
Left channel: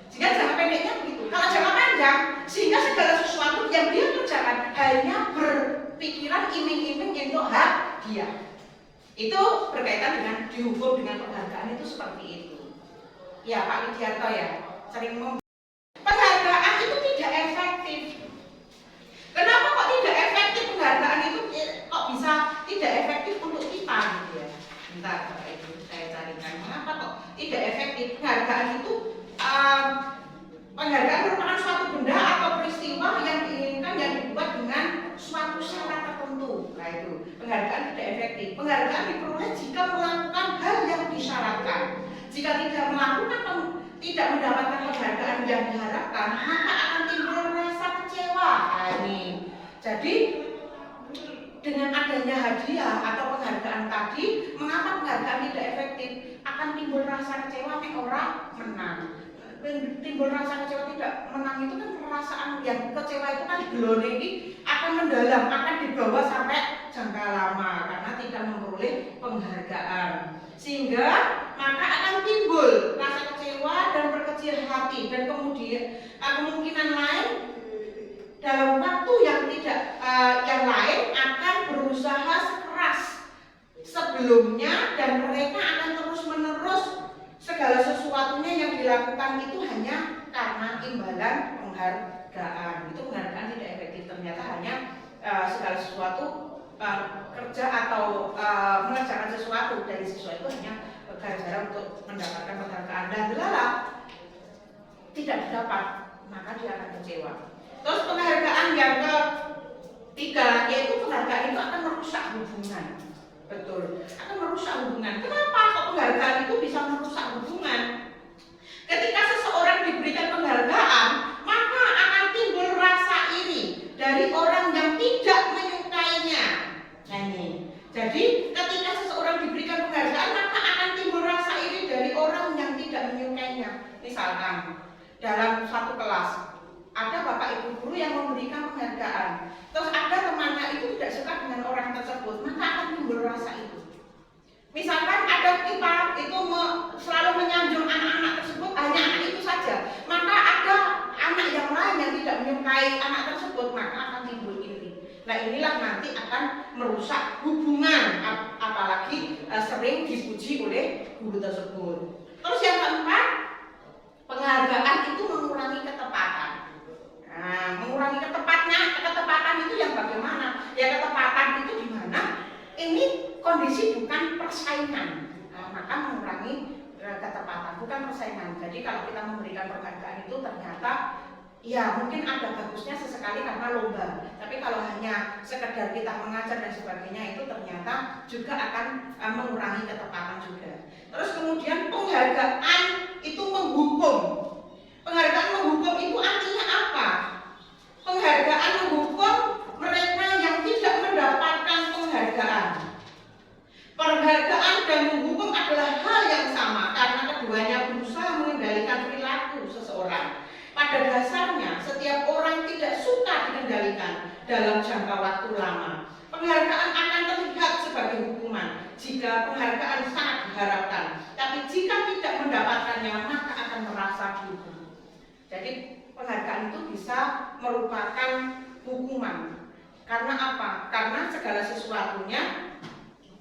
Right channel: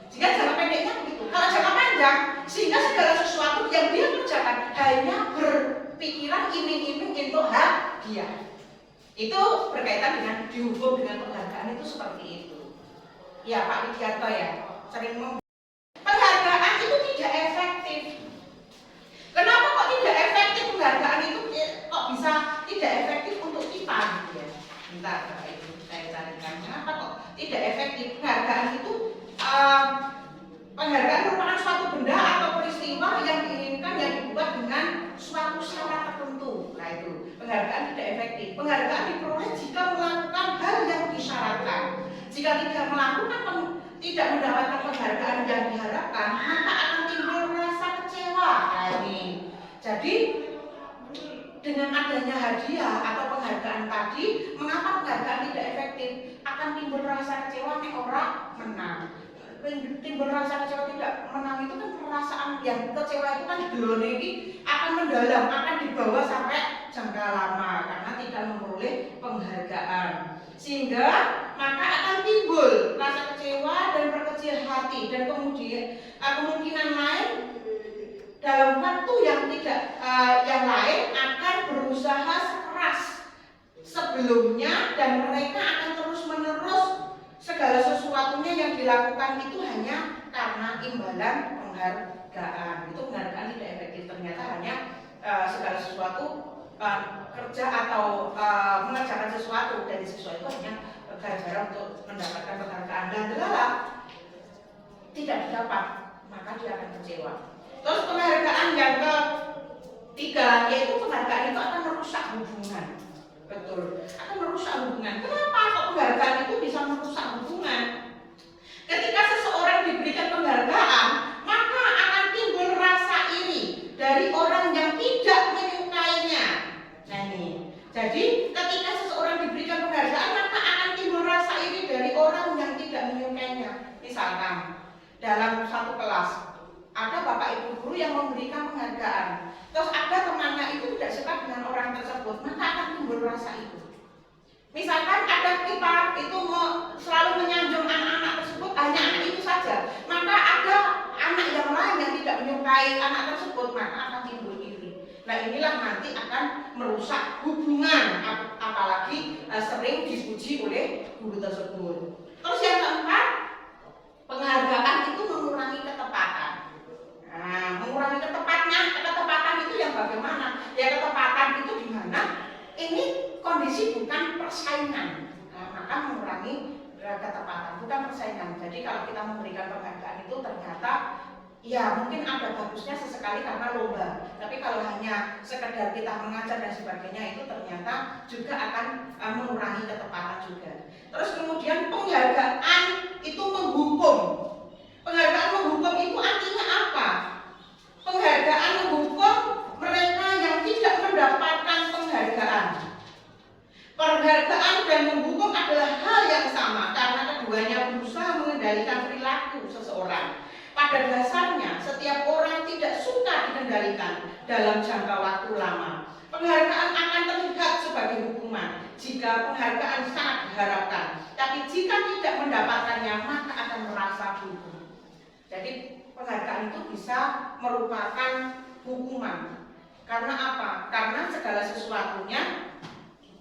Sehingga jangka pendeknya begitu. Kalau jangka panjang, sehingga segala sesuatu yang dia kerjakan hanya berpikiran iming-iming untuk hadiah. Itu berkaitan dengan dihukum dengan penghargaan itu seperti itu. Ya Pak Widianto ya, sering penghargaan itu tidak efektif. Kenapa kok tidak efektif penghargaan itu? Kok bisa tidak efektif untuk kita gitu ya? Bentar Bapak Ibu, saya carikan kenapa kok tidak efektif. Penghargaan itu penghargaan merupakan suatu benda atau peristiwa yang diinginkan yang dibuat dengan suatu syarat tertentu. Nah itu penghargaan tidak efektif. Penghargaan diperoleh jika melakukan hal yang disyaratkan. Jika tidak melakukan tidak mendapatkan penghargaan yang diharapkan, maka akan timbul rasa kecewa. Nah ini. Jadi dengan adanya hadiah atau penghargaan tadi, mengapa penghargaan tidak efektif? Akan timbul rasa kecewa nek orang menang. Timbul rasa kecewa tidak menang itu kan perasaan yang kecewa itu kan gelone ini akan mendalam, akan dibawa sampai jangka lama karena tidak memperoleh penghargaan. Sehingga maka akan timbul rasa kecewa dan berkecil hati dan kemudian kemungkinan lain dalam waktu yang tidak yang lain akan berusaha sekeras sebelumnya dan mereka akan terus-menerus segala sesuatunya yang dilakukan itu hanya karena imbalan penghargaan. Itu penghargaan tidak efektif, ternyata hanya segala sesuatu kerja atau mengerjakan sesuatu dari siswa itu hanya ganjaran untuk mendapatkan penghargaan dan delala tidak didapat, maka dia akan kecewa. Terus penghargaan yang Tiga, yaitu penghargaan itu akan merusak hubungan. Betul, akan merusak hubungan. Kenapa kok penghargaan itu bisa merusak hubungan? Ketika seseorang diberikan penghargaan, maka akan timbul rasa iri dari orang yang tidak menyukainya. Nah ini, jadi ketika seseorang diberikan penghargaan, maka akan timbul rasa iri dari orang yang tidak menyukainya. Misalkan dalam satu kelas ada bapak ibu guru yang memberikan penghargaan, terus ada temannya itu tidak suka dengan orang tersebut, maka akan timbul rasa itu. Misalkan ada kita itu selalu menyanjung anak-anak tersebut, hanya anak itu saja, maka ada anak yang lain yang tidak menyukai anak tersebut, maka akan timbul iri. Nah inilah nanti akan merusak hubungan, apalagi sering dipuji oleh guru tersebut. Terus yang keempat, penghargaan itu mengurangi ketepatan. Nah, mengurangi ketepatan itu yang bagaimana? Ya ketepatan itu di mana? Ini kondisi bukan persaingan, maka mengurangi ketepatan, bukan persaingan. Jadi kalau kita memberikan penghargaan itu ternyata ya mungkin ada bagusnya sesekali karena lomba, tapi kalau hanya sekedar kita mengajar dan sebagainya itu ternyata juga akan mengurangi ketepatan juga. Terus kemudian penghargaan itu menghukum. Penghargaan menghukum itu artinya apa? Penghargaan menghukum mereka yang tidak mendapatkan penghargaan. Penghargaan dan menghukum adalah hal yang sama karena keduanya berusaha mengendalikan perilaku seseorang. Pada dasarnya, setiap orang tidak suka dikendalikan dalam jangka waktu lama. Penghargaan akan terlihat sebagai hukuman jika penghargaan sangat diharapkan, tapi jika tidak mendapatkannya maka akan merasa dihukum. Jadi penghargaan itu bisa merupakan hukuman. Karena apa? Karena segala sesuatunya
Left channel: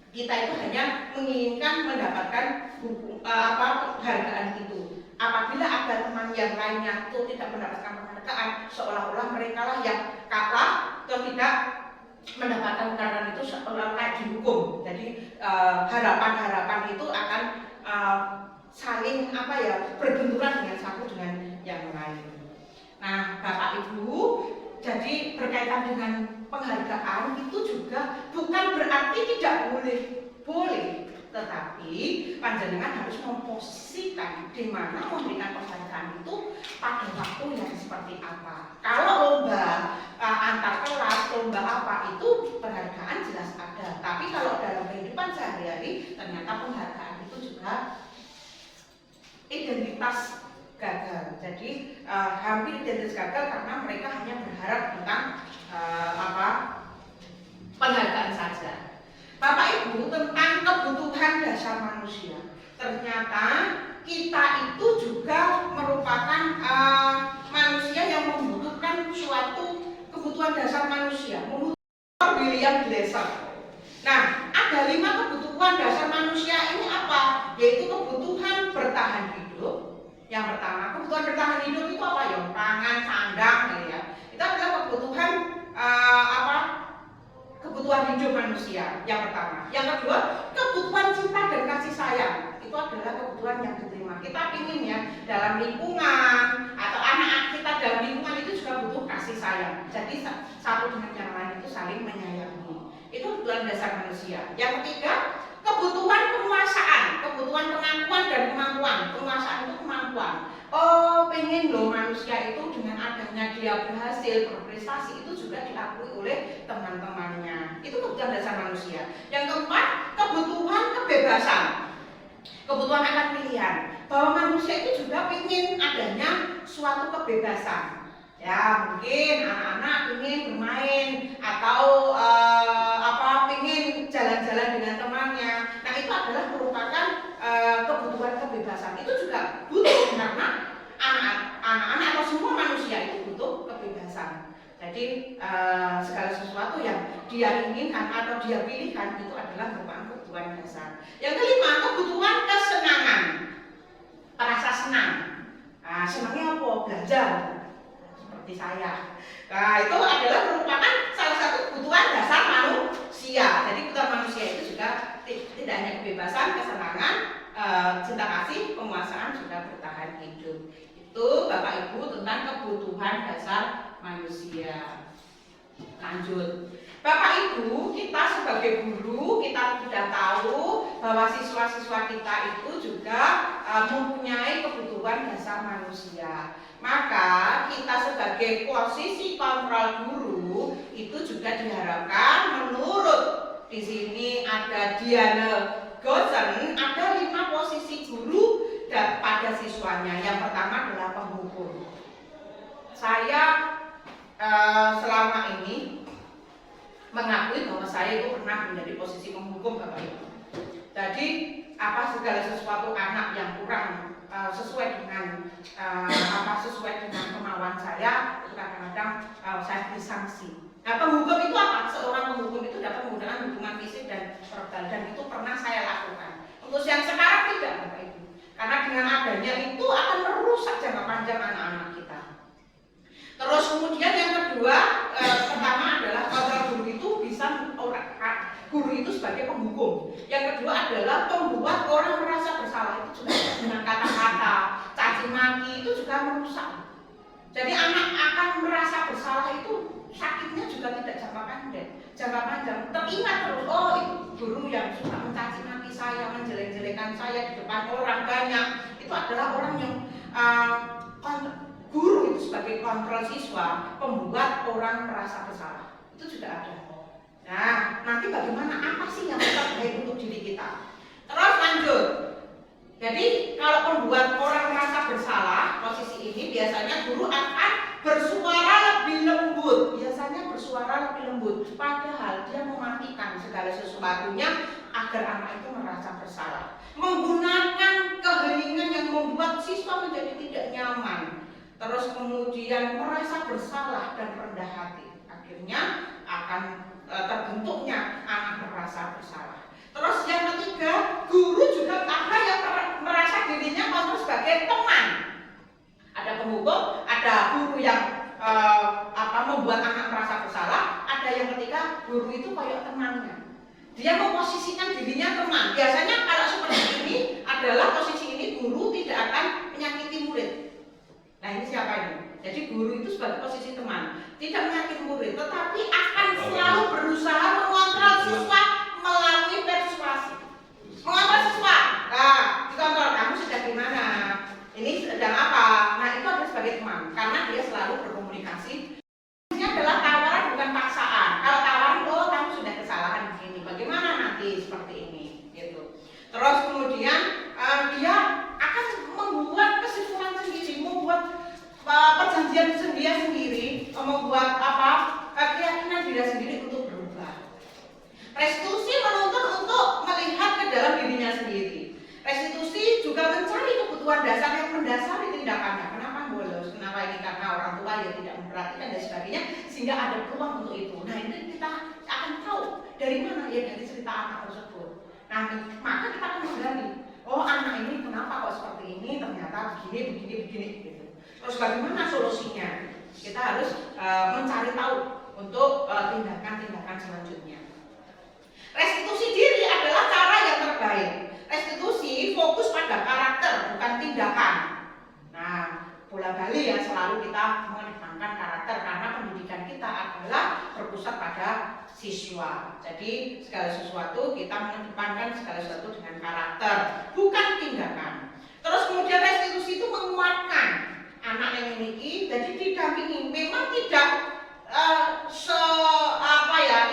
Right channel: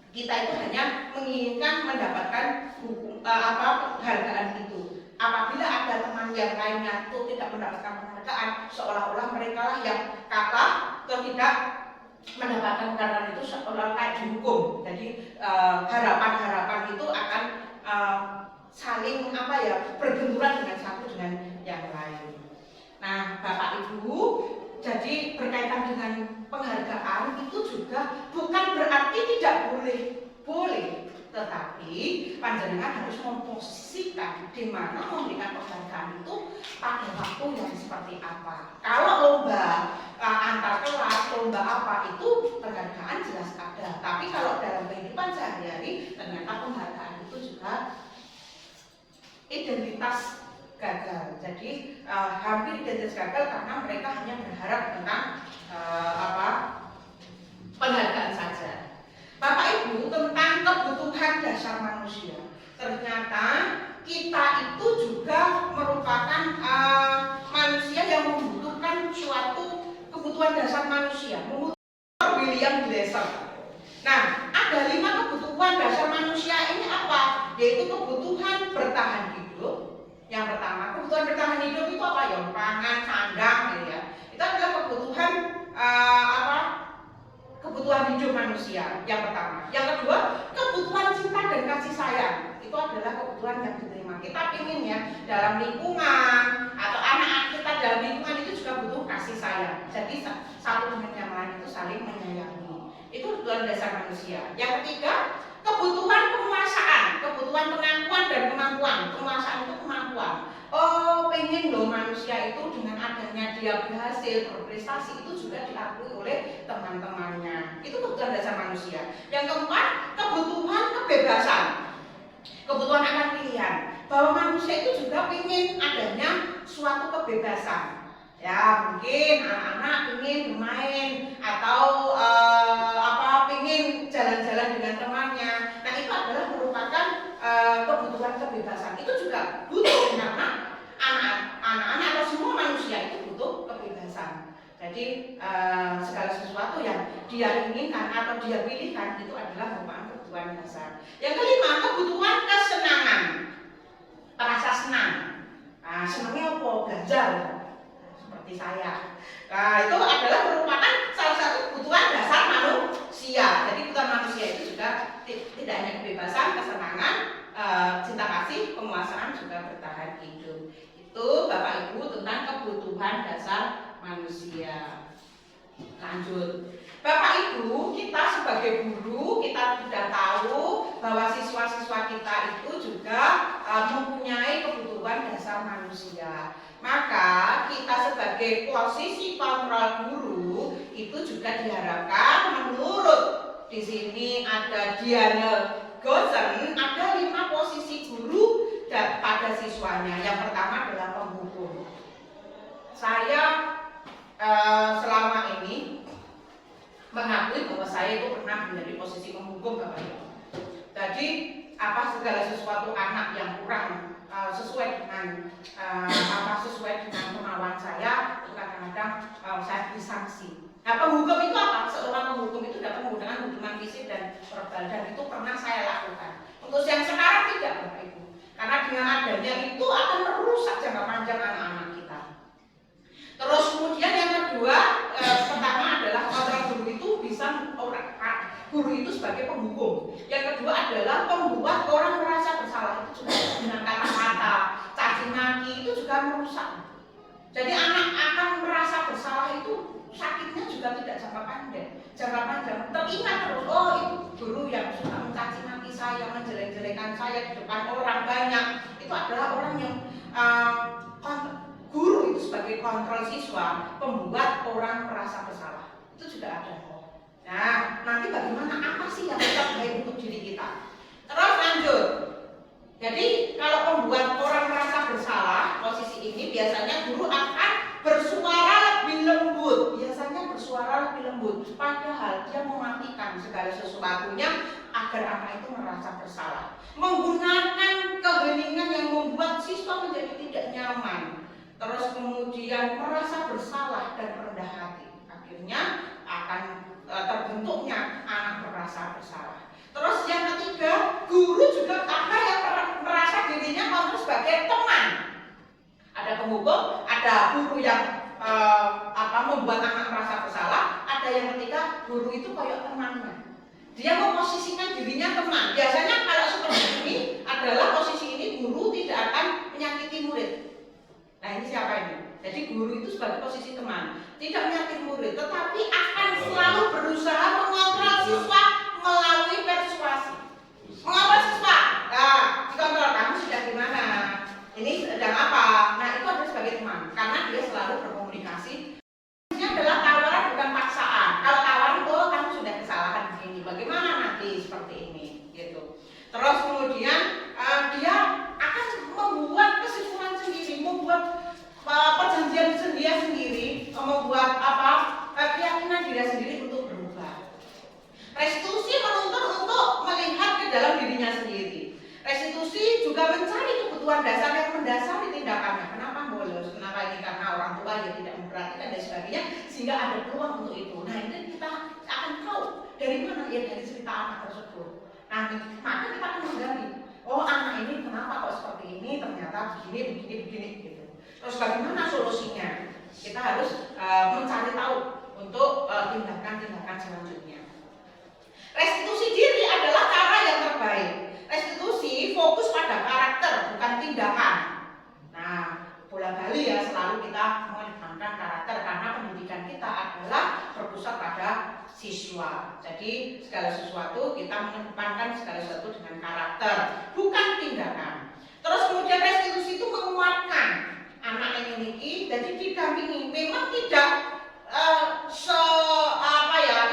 kita itu hanya menginginkan mendapatkan penghargaan itu. Apabila ada teman yang lainnya itu tidak mendapatkan penghargaan, seolah-olah mereka lah yang kalah atau tidak mendapatkan penghargaan itu seolah kayak dihukum. Jadi harapan-harapan itu akan saling berbenturan dengan satu dengan yang lain. Nah, Bapak Ibu, jadi berkaitan dengan penghargaan itu juga bukan berarti tidak boleh, tetapi panjenengan harus memposisikan di mana memberikan penghargaan itu pada waktu yang seperti apa. Kalau lomba antar kelas, lomba apa itu penghargaan jelas ada, tapi kalau dalam kehidupan sehari-hari ternyata penghargaan itu juga identitas gagal. Jadi hampir identitas gagal karena mereka hanya berharap tentang penghargaan saja. Bapak Ibu, tentang kebutuhan dasar manusia, ternyata kita itu juga merupakan manusia yang membutuhkan suatu kebutuhan dasar manusia. William Glasser. Nah, ada 5 kebutuhan dasar manusia ini apa? Yaitu kebutuhan bertahan hidup. Yang pertama, kebutuhan bertahan hidup itu apa ya? Pangan, sandang, gitu ya. Itu adalah kebutuhan kebutuhan hidup manusia. Yang pertama. Yang kedua, kebutuhan cinta dan kasih sayang. Itu adalah kebutuhan yang diterima. Kita ingin ya dalam lingkungan atau anak-anak kita dalam lingkungan itu juga butuh kasih sayang. Jadi satu dengan yang lain itu saling menyayangi. Itu kebutuhan dasar manusia. Yang ketiga, kebutuhan penguasaan, kebutuhan pengakuan dan kemampuan. Penguasaan itu kemampuan. Oh, pengen loh manusia itu dengan adanya dia berhasil berprestasi itu juga diakui oleh teman-temannya. Itu kebutuhan dasar manusia. Yang keempat, kebutuhan kebebasan. Kebutuhan akan pilihan. Bahwa manusia itu juga ingin adanya suatu kebebasan. Ya, mungkin anak-anak ingin bermain atau ingin jalan-jalan dengan temannya. Nah, itu adalah merupakan kebutuhan kebebasan. Itu juga butuh karena anak-anak atau semua manusia itu butuh kebebasan. Jadi segala sesuatu yang dia inginkan atau dia pilihkan itu adalah merupakan kebutuhan dasar. Yang kelima, kebutuhan kesenangan. Merasa senang. Nah, senangnya apa? Belajar. Seperti saya. Nah, itu adalah merupakan salah satu kebutuhan dasar manusia. Jadi kebutuhan manusia itu juga tidak hanya kebebasan, kesenangan, cinta kasih, penguasaan, juga bertahan hidup. Itu Bapak Ibu tentang kebutuhan dasar manusia. Lanjut. Bapak Ibu, kita sebagai guru kita sudah tahu bahwa siswa-siswa kita itu juga mempunyai kebutuhan dasar manusia. Maka kita sebagai posisi kontrol guru itu juga diharapkan menurut di sini ada Diana Gosen, ada 5 posisi guru pada siswanya. Yang pertama adalah penghukum. Saya selama ini mengakui bahwa saya itu pernah menjadi posisi penghukum, Bapak Ibu. Jadi apa segala sesuatu anak yang kurang sesuai dengan sesuai dengan kemauan saya, itu kadang-kadang saya disanksi. Nah, penghukum itu apa? Seorang penghukum itu dapat menggunakan hubungan fisik dan verbal, dan itu pernah saya lakukan. Untuk yang sekarang tidak, Bapak Ibu, karena dengan adanya itu akan merusak jangka panjang anak-anak kita. Terus kemudian yang kedua, pertama adalah kontrol guru itu bisa guru itu sebagai penghukum. Yang kedua adalah membuat orang merasa bersalah, itu juga dengan kata-kata, caci maki itu juga merusak. Jadi anak akan merasa bersalah itu sakitnya juga tidak jangka panjang. Teringat terus, oh itu guru yang suka mencaci maki saya, menjelek-jelekan saya di depan orang banyak, itu adalah orang yang guru itu sebagai kontrol siswa, membuat orang merasa bersalah. Itu juga ada. Nah, nanti bagaimana, apa sih yang terbaik untuk diri kita? Terus lanjut. Jadi kalau membuat orang merasa bersalah, posisi ini biasanya guru akan bersuara lebih lembut. Biasanya bersuara lebih lembut, padahal dia mematikan segala sesuatunya agar anak itu merasa bersalah. Menggunakan keheningan yang membuat siswa menjadi tidak nyaman. Terus kemudian merasa bersalah dan rendah hati. Akhirnya akan terbentuknya anak merasa bersalah. Terus yang ketiga, guru juga ada yang merasa dirinya mampu sebagai teman. Ada penghukum, ada guru yang membuat anak merasa bersalah. Ada yang ketiga, guru itu kayak temannya. Dia memposisikan dirinya teman. Biasanya kalau seperti ini adalah posisi ini guru tidak akan menyakiti murid. Nah ini siapa ini? Jadi guru itu sebagai posisi teman, tidak menyakiti murid, tetapi akan selalu berusaha mengontrol siswa melalui persuasi. Mengontrol siswa. Nah, dikontrol, kamu sudah gimana? Ini sedang apa? Nah itu adalah sebagai teman, karena dia selalu berkomunikasi. Ini adalah tawaran bukan paksaan. Kalau tawaran, oh kamu sudah kesalahan begini, bagaimana nanti seperti ini, gitu. Terus kemudian dia akan membuat kesimpulan sendiri, membuat perjanjian dia sendiri, membuat keyakinan diri sendiri untuk berubah. Restitusi menuntut untuk melihat ke dalam dirinya sendiri. Restitusi juga mencari kebutuhan dasar yang mendasari tindakannya. Kenapa bolos? Kenapa ini? Karena orang tua ya tidak memperhatikan dan sebagainya, sehingga ada peluang untuk itu. Nah ini kita akan tahu dari mana ya, dari cerita anak tersebut. Nah maka kita akan menggali, oh anak ini kenapa kok seperti ini? Ternyata begini gitu. Terus bagaimana solusinya? Kita harus mencari tahu untuk tindakan-tindakan selanjutnya. Restitusi diri adalah cara yang terbaik. Restitusi fokus pada karakter, bukan tindakan. Nah, bola bali ya, selalu kita mengedepankan karakter karena pendidikan kita adalah berpusat pada siswa. Jadi segala sesuatu kita mengedepankan segala sesuatu dengan karakter, bukan tindakan. Terus kemudian restitusi itu menguatkan anak yang memiliki, jadi didampingi. Memang tidak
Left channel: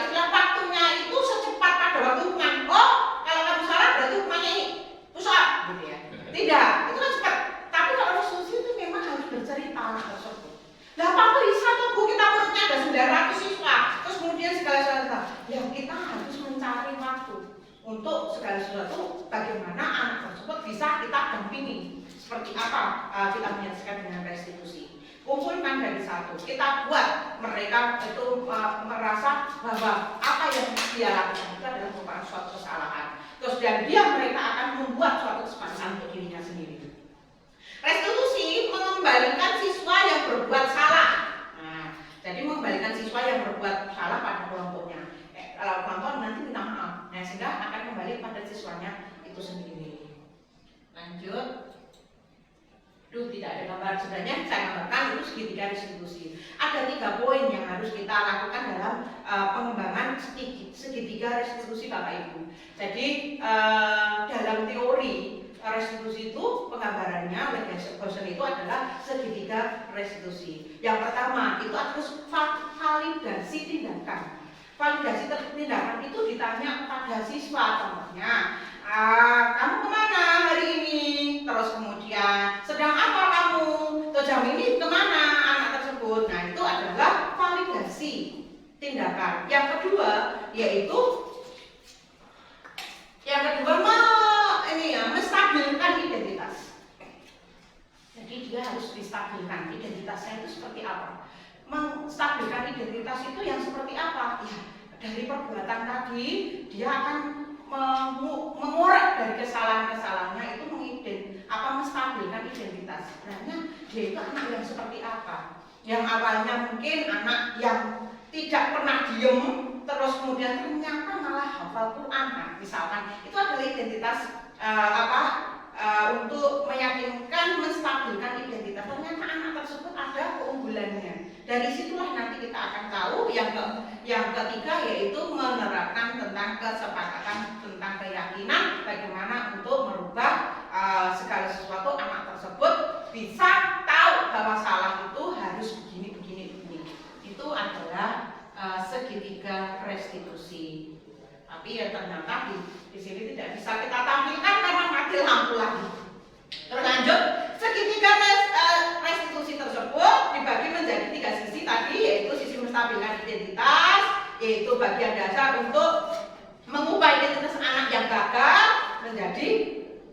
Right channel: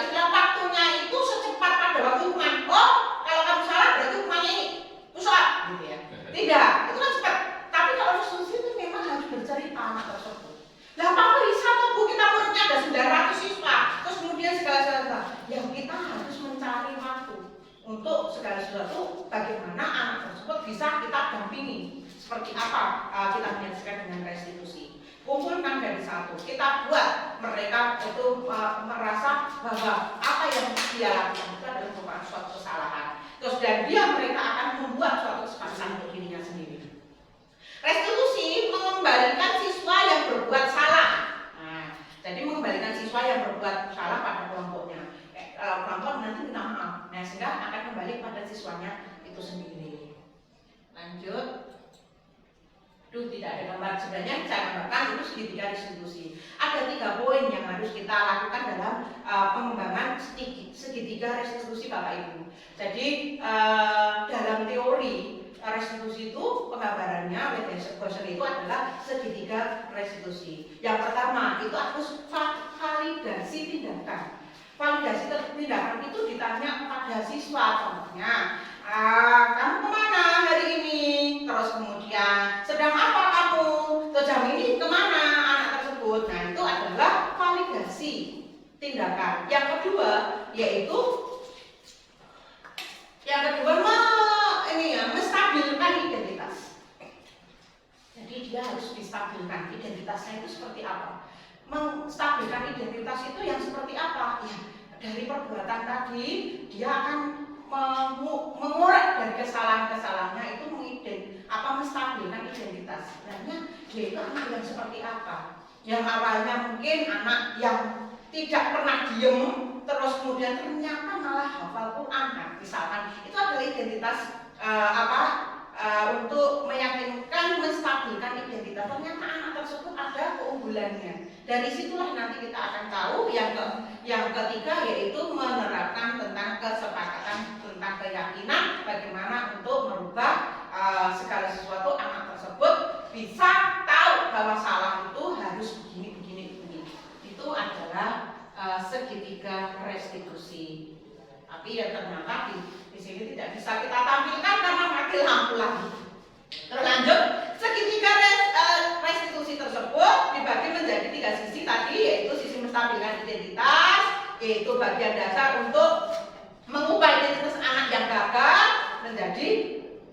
istilah waktunya itu secepat pada waktu hukuman. Oh, kalau kamu salah berarti hukumannya ini, pusat, gitu ya. Tidak, itu kan cepat. Tapi kalau restitusi itu memang harus bercerita anak tersebut. Nah, apa bisa tuh Bu, kita muridnya ada 900 siswa, terus kemudian segala sesuatu. Yang kita harus mencari waktu untuk segala sesuatu, bagaimana anak tersebut bisa kita dampingi. Seperti apa kita menyaksikan dengan restitusi. Kumpulkan dari satu, kita buat mereka itu merasa bahwa apa yang dia lakukan itu adalah merupakan suatu kesalahan. Terus dan mereka akan membuat suatu kesepakatan untuk dirinya sendiri. Restitusi mengembalikan siswa yang berbuat salah. Nah, jadi mengembalikan siswa yang berbuat salah pada kelompoknya. Kalau kelompok nanti minta maaf, nah sehingga akan kembali pada siswanya itu sendiri. Lanjut. Tidak ada gambar, sebenarnya saya gambarkan itu segitiga restitusi. Ada 3 poin yang harus kita lakukan dalam pengembangan segitiga restitusi Bapak Ibu. Jadi dalam teori restitusi itu penggambarannya oleh Gosser itu adalah segitiga restitusi. Yang pertama itu harus validasi tindakan. Validasi tindakan itu ditanya pada siswa, contohnya kamu kemana hari ini? Terus kemudian sedang apa kamu? Sejauh ini kemana anak tersebut? Nah itu adalah validasi tindakan. Yang kedua yaitu menstabilkan identitas. Jadi dia harus distabilkan identitasnya itu seperti apa? Menstabilkan identitas itu yang seperti apa? Ya, dari perbuatan tadi dia akan mengorek dari kesalahan-kesalahannya itu menstabilkan identitas. Sebenarnya dia itu anak yang seperti apa? Yang awalnya mungkin anak yang tidak pernah diem, terus kemudian ternyata malah hafal Quran. Nah, misalkan itu adalah identitas untuk meyakinkan, menstabilkan identitas. Ternyata anak tersebut ada keunggulannya. Dari situlah nanti kita akan tahu yang ketiga yaitu menerapkan tentang kesepakatan tentang keyakinan, bagaimana untuk merubah segala sesuatu anak tersebut bisa tahu bahwa salah itu harus begini. Itu adalah segitiga restitusi. Tapi ya ternyata di sini tidak bisa kita tampilkan karena mati lampu lagi. Terlanjut, segitiga restitusi tersebut dibagi menjadi 3 sisi tadi, yaitu sisi menstabilkan identitas, yaitu bagian dasar untuk mengubah identitas anak yang gagal menjadi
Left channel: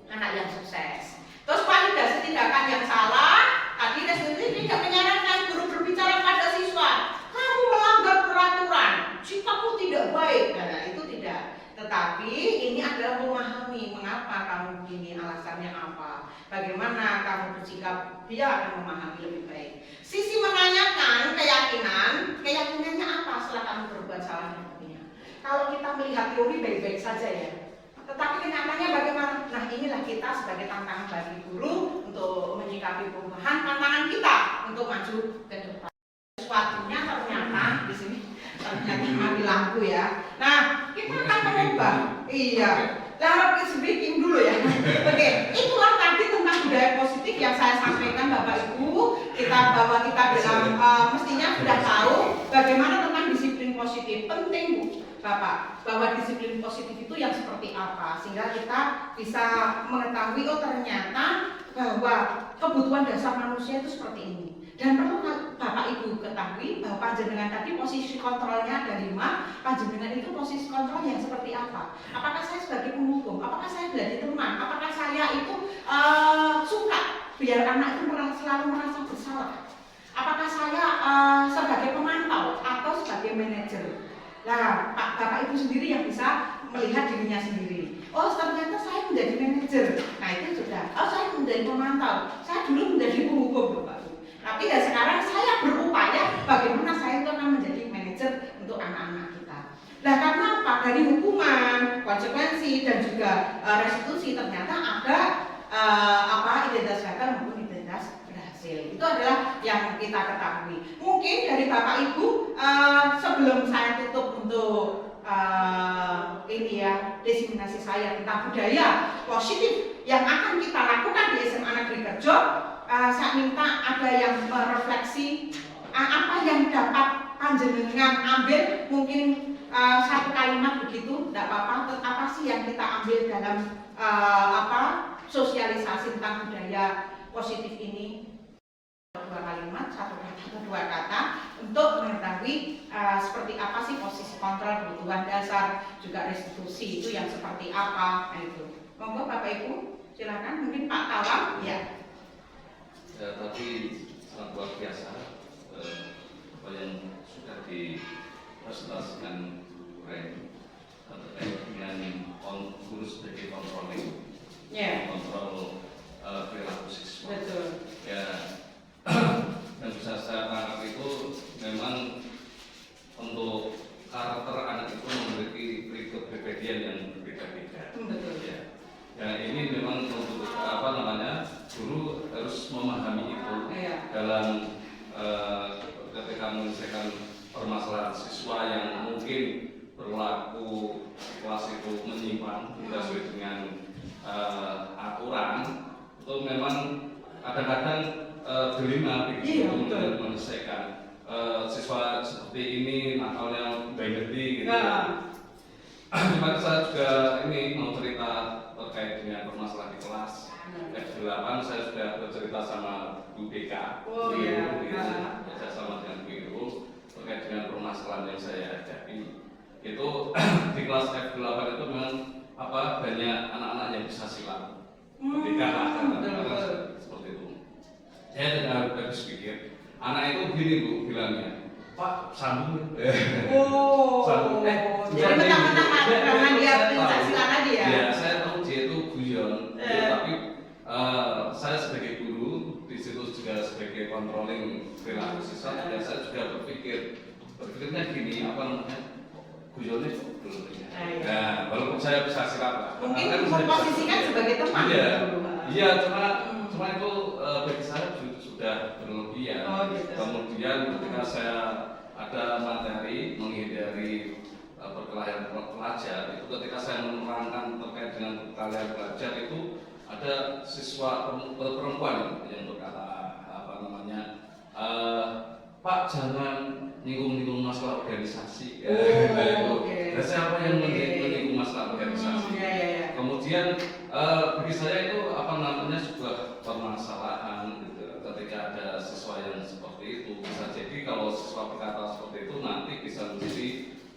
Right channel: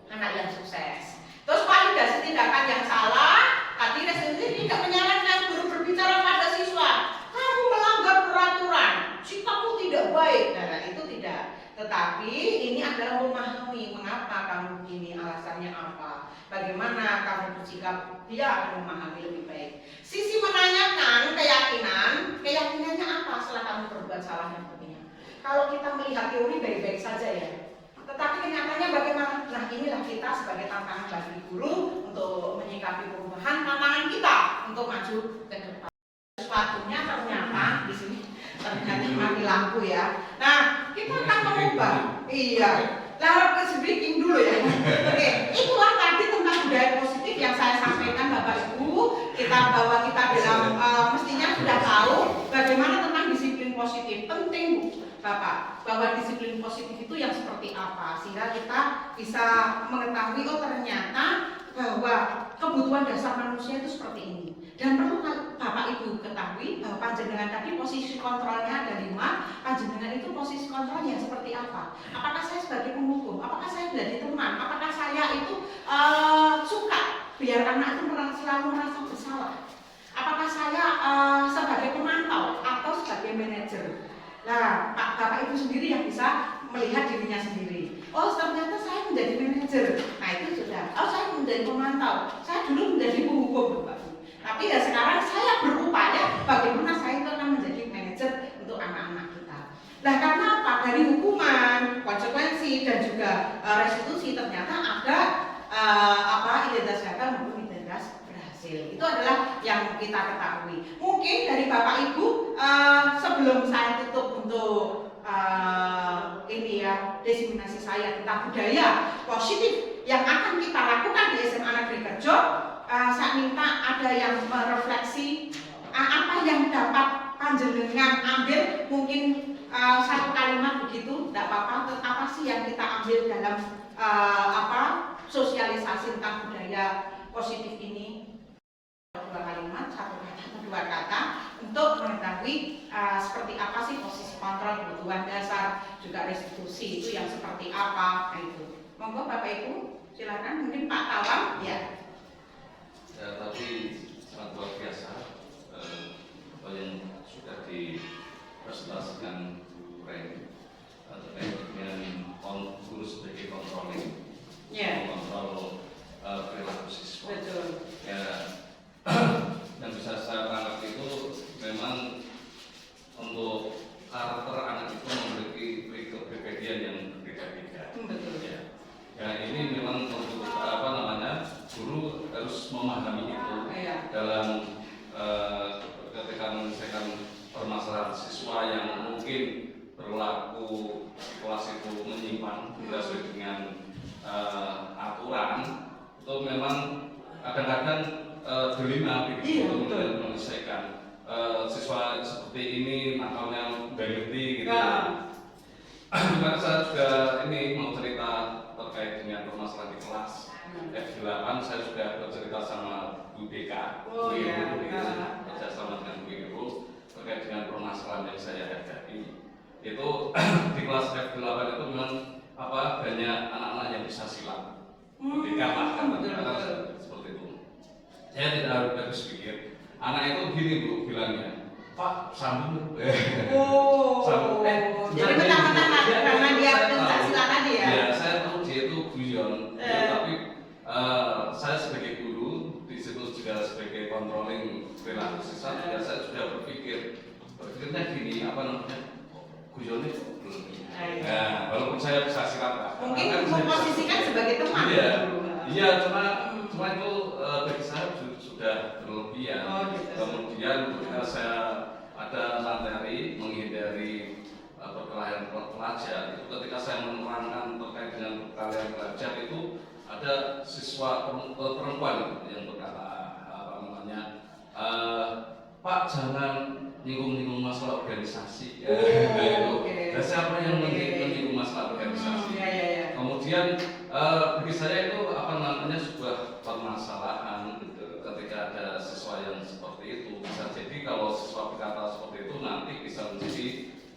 anak yang sukses. Terus validasi tindakan yang salah, tadi restitusi tidak menyarankan guru berbicara pada siswa, kamu melanggar peraturan, sikapmu tidak baik. Nah, itu tidak. Tetapi ini adalah memahami mengapa kamu begini, alasannya apa, bagaimana kamu bersikap, dia akan memahami lebih baik. Sisi menanyakan keyakinannya apa setelah kamu berbuat salah yang begini. Kalau kita melihat teori baik-baik saja ya, tetapi kenyataannya bagaimana? Nah inilah kita sebagai tantangan bagi guru untuk menyikapi perubahan, tantangan kita untuk maju ke depan. Sesuatunya ternyata di sini ternyata mati lampu ya. Nah kita akan mengubah. Iya. Lalu speaking dulu ya. Oke, itulah tadi tentang budaya positif yang saya sampaikan Bapak Ibu. Bahwa kita dalam mestinya sudah tahu bagaimana tentang disiplin positif. Penting Bu, Bapak, bahwa disiplin positif itu yang seperti apa, sehingga kita bisa mengetahui ternyata bahwa kebutuhan dasar manusia itu seperti ini. Dan perlu Bapak Ibu ketahui bahwa panjenengan tadi posisi kontrolnya ada 5. Panjenengan itu posisi kontrol yang seperti apa? Apakah saya sebagai penghukum? Apakah saya menjadi teman? Apakah saya itu suka biar anak itu selalu merasa bersalah? Apakah saya sebagai pemantau atau sebagai manajer? Nah, Bapak Ibu sendiri yang bisa melihat dirinya sendiri. Oh, ternyata saya menjadi manajer. Nah, itu sudah. Oh, saya menjadi pemantau. Saya dulu menjadi penghukum, Bapak. Tapi dan sekarang saya berupaya bagaimana saya itu akan menjadi manajer untuk anak-anak kita. Nah, karena apa? Dari hukuman, konsekuensi dan juga restitusi ternyata ada identitas gagal maupun identitas berhasil. Itu adalah yang kita ketahui. Mungkin dari Bapak Ibu sebelum saya tutup untuk desiminasi saya tentang budaya positif yang akan kita lakukan di SMA Negeri Kerjo, saya minta ada yang merefleksi apa yang dapat panjenengan ambil, mungkin satu kalimat begitu, tidak apa-apa. Apa sih yang kita ambil dalam sosialisasi tentang budaya positif ini? 2 kalimat, 1 kata, 2 kata untuk mengetahui seperti apa sih posisi kontrol, kebutuhan dasar, juga restitusi itu yang seperti apa. Nah itu. Monggo Bapak Ibu, silakan. Mungkin Pak Tawang, ya. Ya, tadi sangat luar biasa apa yang sudah dipresentasikan Bu Ren terkait dengan guru sebagai controlling, kontrol perilaku siswa. Betul. Ya, dan bisa saya tangkap itu memang untuk karakter anak itu memiliki kepribadian yang berbeda-beda. Betul. Ya. Dan ini memang untuk guru harus memahami itu dalam ketika menyelesaikan permasalahan mungkin berlaku kelas itu menyimpang tidak sesuai dengan aturan, itu memang kadang-kadang dilema begitu untuk menyelesaikan siswa seperti ini nakalnya berhenti gitu. Maka saya juga ini mau cerita terkait dengan permasalahan di kelas F8. Saya sudah bercerita sama Bu BK, kerja sama dengan Bu Iru terkait dengan permasalahan yang saya hadapi. Itu di kelas F8 itu memang banyak anak-anak yang bisa silat. Ketika seperti itu, saya tidak habis pikir. Anak itu gini Bu bilangnya, Pak sambung. Sambung. Jadi mentang-mentang karena dia pencak silat tadi ya? Ya, saya tahu dia itu guyon. Tapi saya sebagai guru di situ juga sebagai controlling perilaku siswa juga saya sudah berpikirnya gini, guyonnya belum. Nah, walaupun saya bisa silat lah. Mungkin memposisikan sebagai teman. Iya, cuma itu bagi saya sudah berlebihan. Gitu. Kemudian ketika saya ada materi menghindari perkelahian pelajar, itu ketika saya menerangkan terkait dengan perkelahian pelajar itu ada siswa perempuan yang berkata Pak jangan nyinggung-nyinggung masalah organisasi. Dan siapa yang menyinggung masalah organisasi? Kemudian bagi saya itu sebuah permasalahan gitu. Ketika ada siswa yang seperti itu, bisa jadi kalau siswa berkata seperti itu nanti bisa menjadi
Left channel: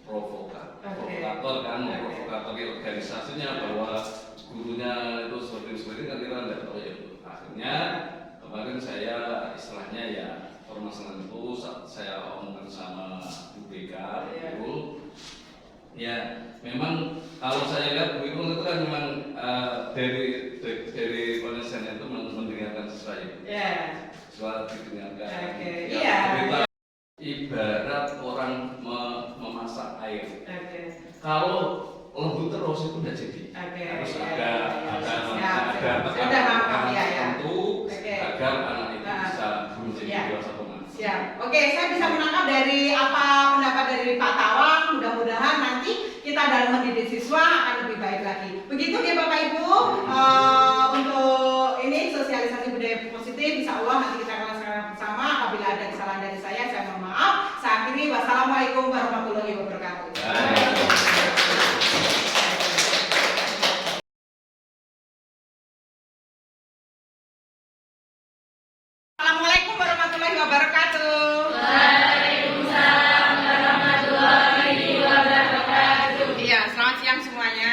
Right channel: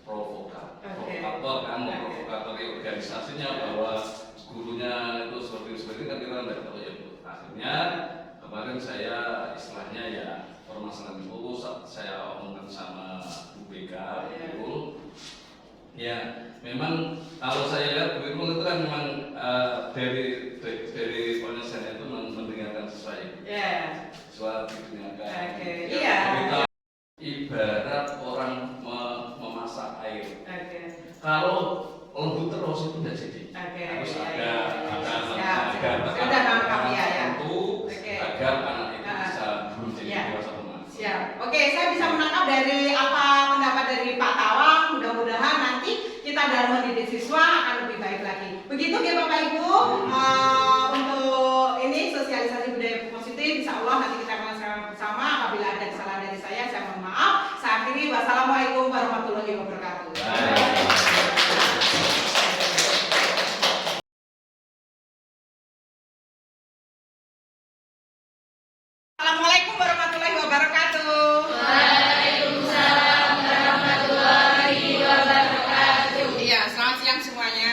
provokator kan, memprovokatori organisasinya bahwa gurunya itu seperti kan kita tidak tahu ya Bu. Akhirnya kemarin saya istilahnya ya permasalahan itu saya omongkan sama Bu BK, Bu. Ya, memang kalau saya lihat Bu Irul itu kan memang dari penelitian itu mendengarkan siswa itu. Siswa didengarkan. Kita ibarat orang memasak air. Kalau lembut terus itu tidak jadi. Harus ada tekanan tertentu agar anak itu bisa menjadi dewasa teman. Siap. Oke, saya bisa menangkap dari apa pendapat dari Pak Tawang. Mudah-mudahan nanti kita dalam mendidik siswa akan lebih baik lagi. Begitu ya Bapak Ibu. Untuk ini sosialisasi budaya positif, insya Allah nanti kita akan laksanakan bersama. Apabila ada kesalahan dari saya mohon maaf. Saya akhiri. Wassalamualaikum warahmatullahi wabarakatuh. Assalamualaikum warahmatullahi wabarakatuh. Waalaikumsalam warahmatullahi wabarakatuh. Iya, selamat siang semuanya.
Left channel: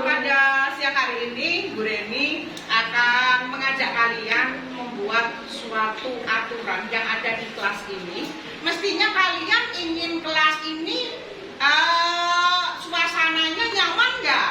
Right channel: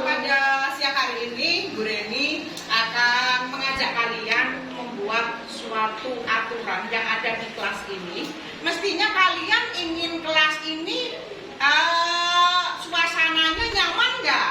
Pada siang hari ini, Bu Reni akan mengajak kalian membuat suatu aturan yang ada di kelas ini. Mestinya kalian ingin kelas ini suasananya nyaman nggak?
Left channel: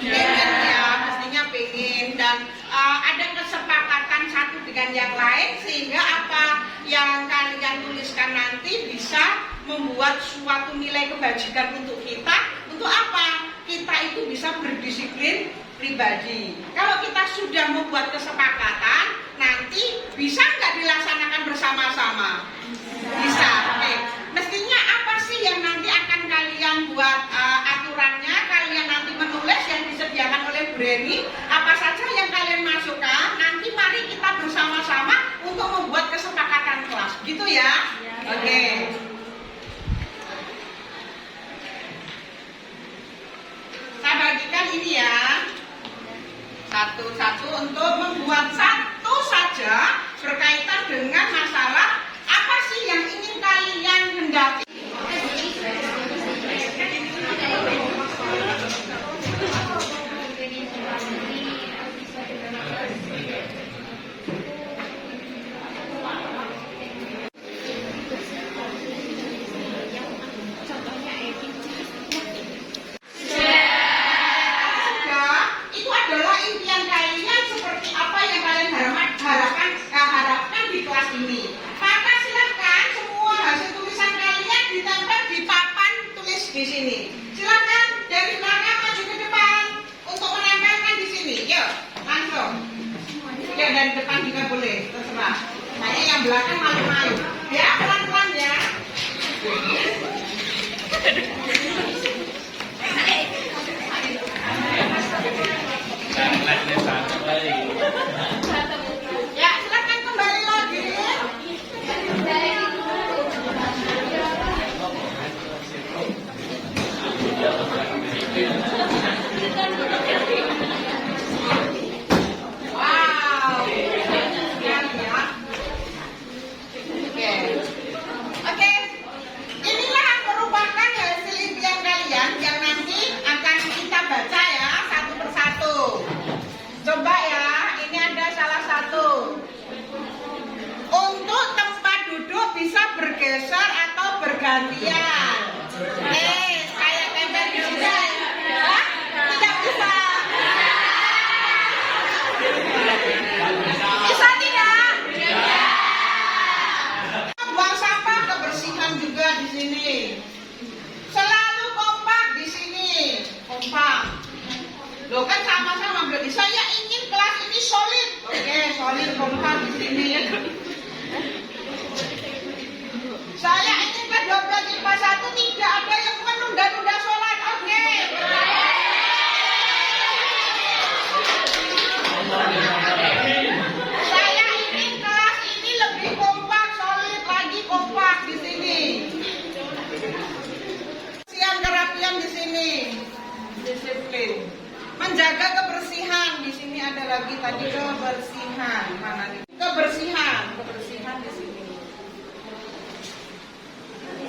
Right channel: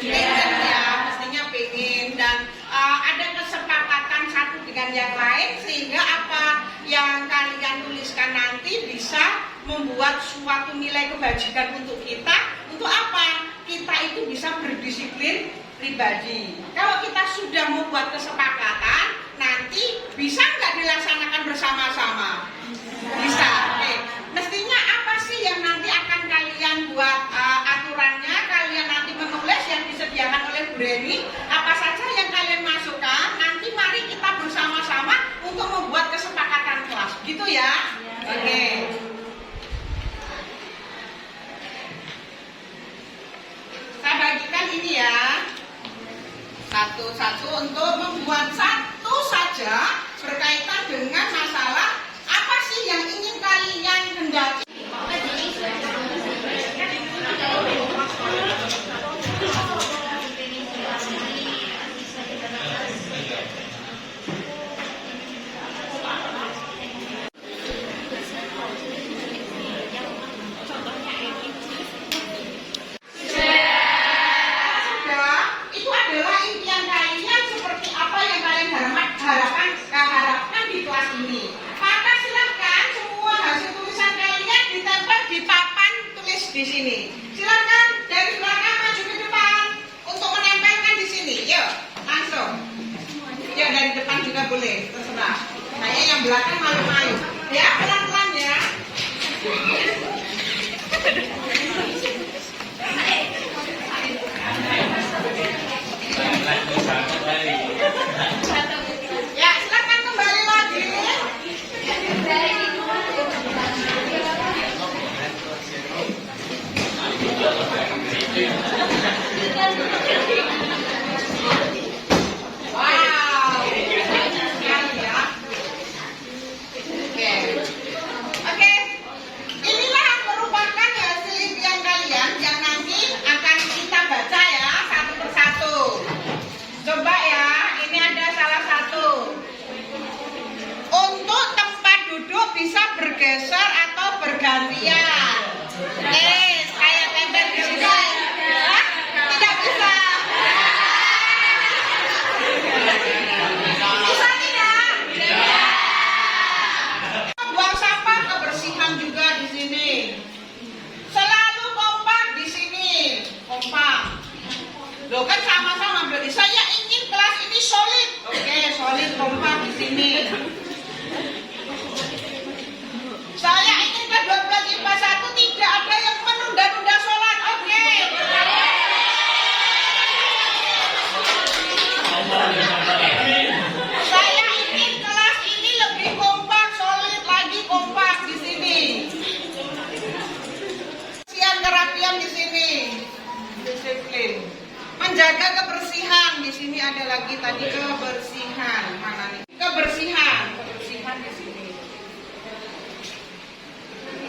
Pengen ya, mestinya pengen dan ada kesepakatan satu dengan yang lain sehingga apa yang kalian tuliskan nanti bisa membuat suatu nilai kebajikan untuk kita. Untuk apa? Kita itu bisa berdisiplin pribadi. Kalau kita sudah membuat kesepakatan, nanti bisa nggak dilaksanakan bersama-sama? Bisa. Oke. Mestinya apa sih yang nanti akan kalian buat aturannya? Kalian nanti menulis yang disediakan oleh Bu Reni. Apa saja yang kalian masukkan? Nanti mari kita bersama-sama untuk membuat kesepakatan kelas. Gitu ya? Oke. Saya bagikan ini ya. Satu-satu untuk membuat satu saja berkaitan dengan masalah apa sih yang ingin kalian hendaki. harapkan di kelas ini. Maka silakan semua hasil tulisan kalian ditempel di papan tulis di sini. Silakan dari belakang maju ke depan untuk menempelkan di sini. Yuk, langsung. Ya dari depan juga boleh, terserah. Kayaknya yang belakang malu-malu. Ya pelan-pelan ya. bergeser atau bergantian. Kayak tempel di sini. Hah? Tidak bisa. Bisa tidak? Buang sampah kebersihan juga di sini. Selalu kompak di sini. Kompak. Loh kan sama-sama berarti saya ingin kelas ini solid. Oke, solid kompak di sini. Saya ingin ke 12 IPA 1 tidak ada yang menunda-nunda sholat. Oke. Saya ingin kelas ini lebih kompak, solid lagi kompak di sini. Siang kerapian di sini. Disiplin. Menjaga kebersihan di sini ada lagi tadi kebersihan. Mana nih? Kebersihan di sini.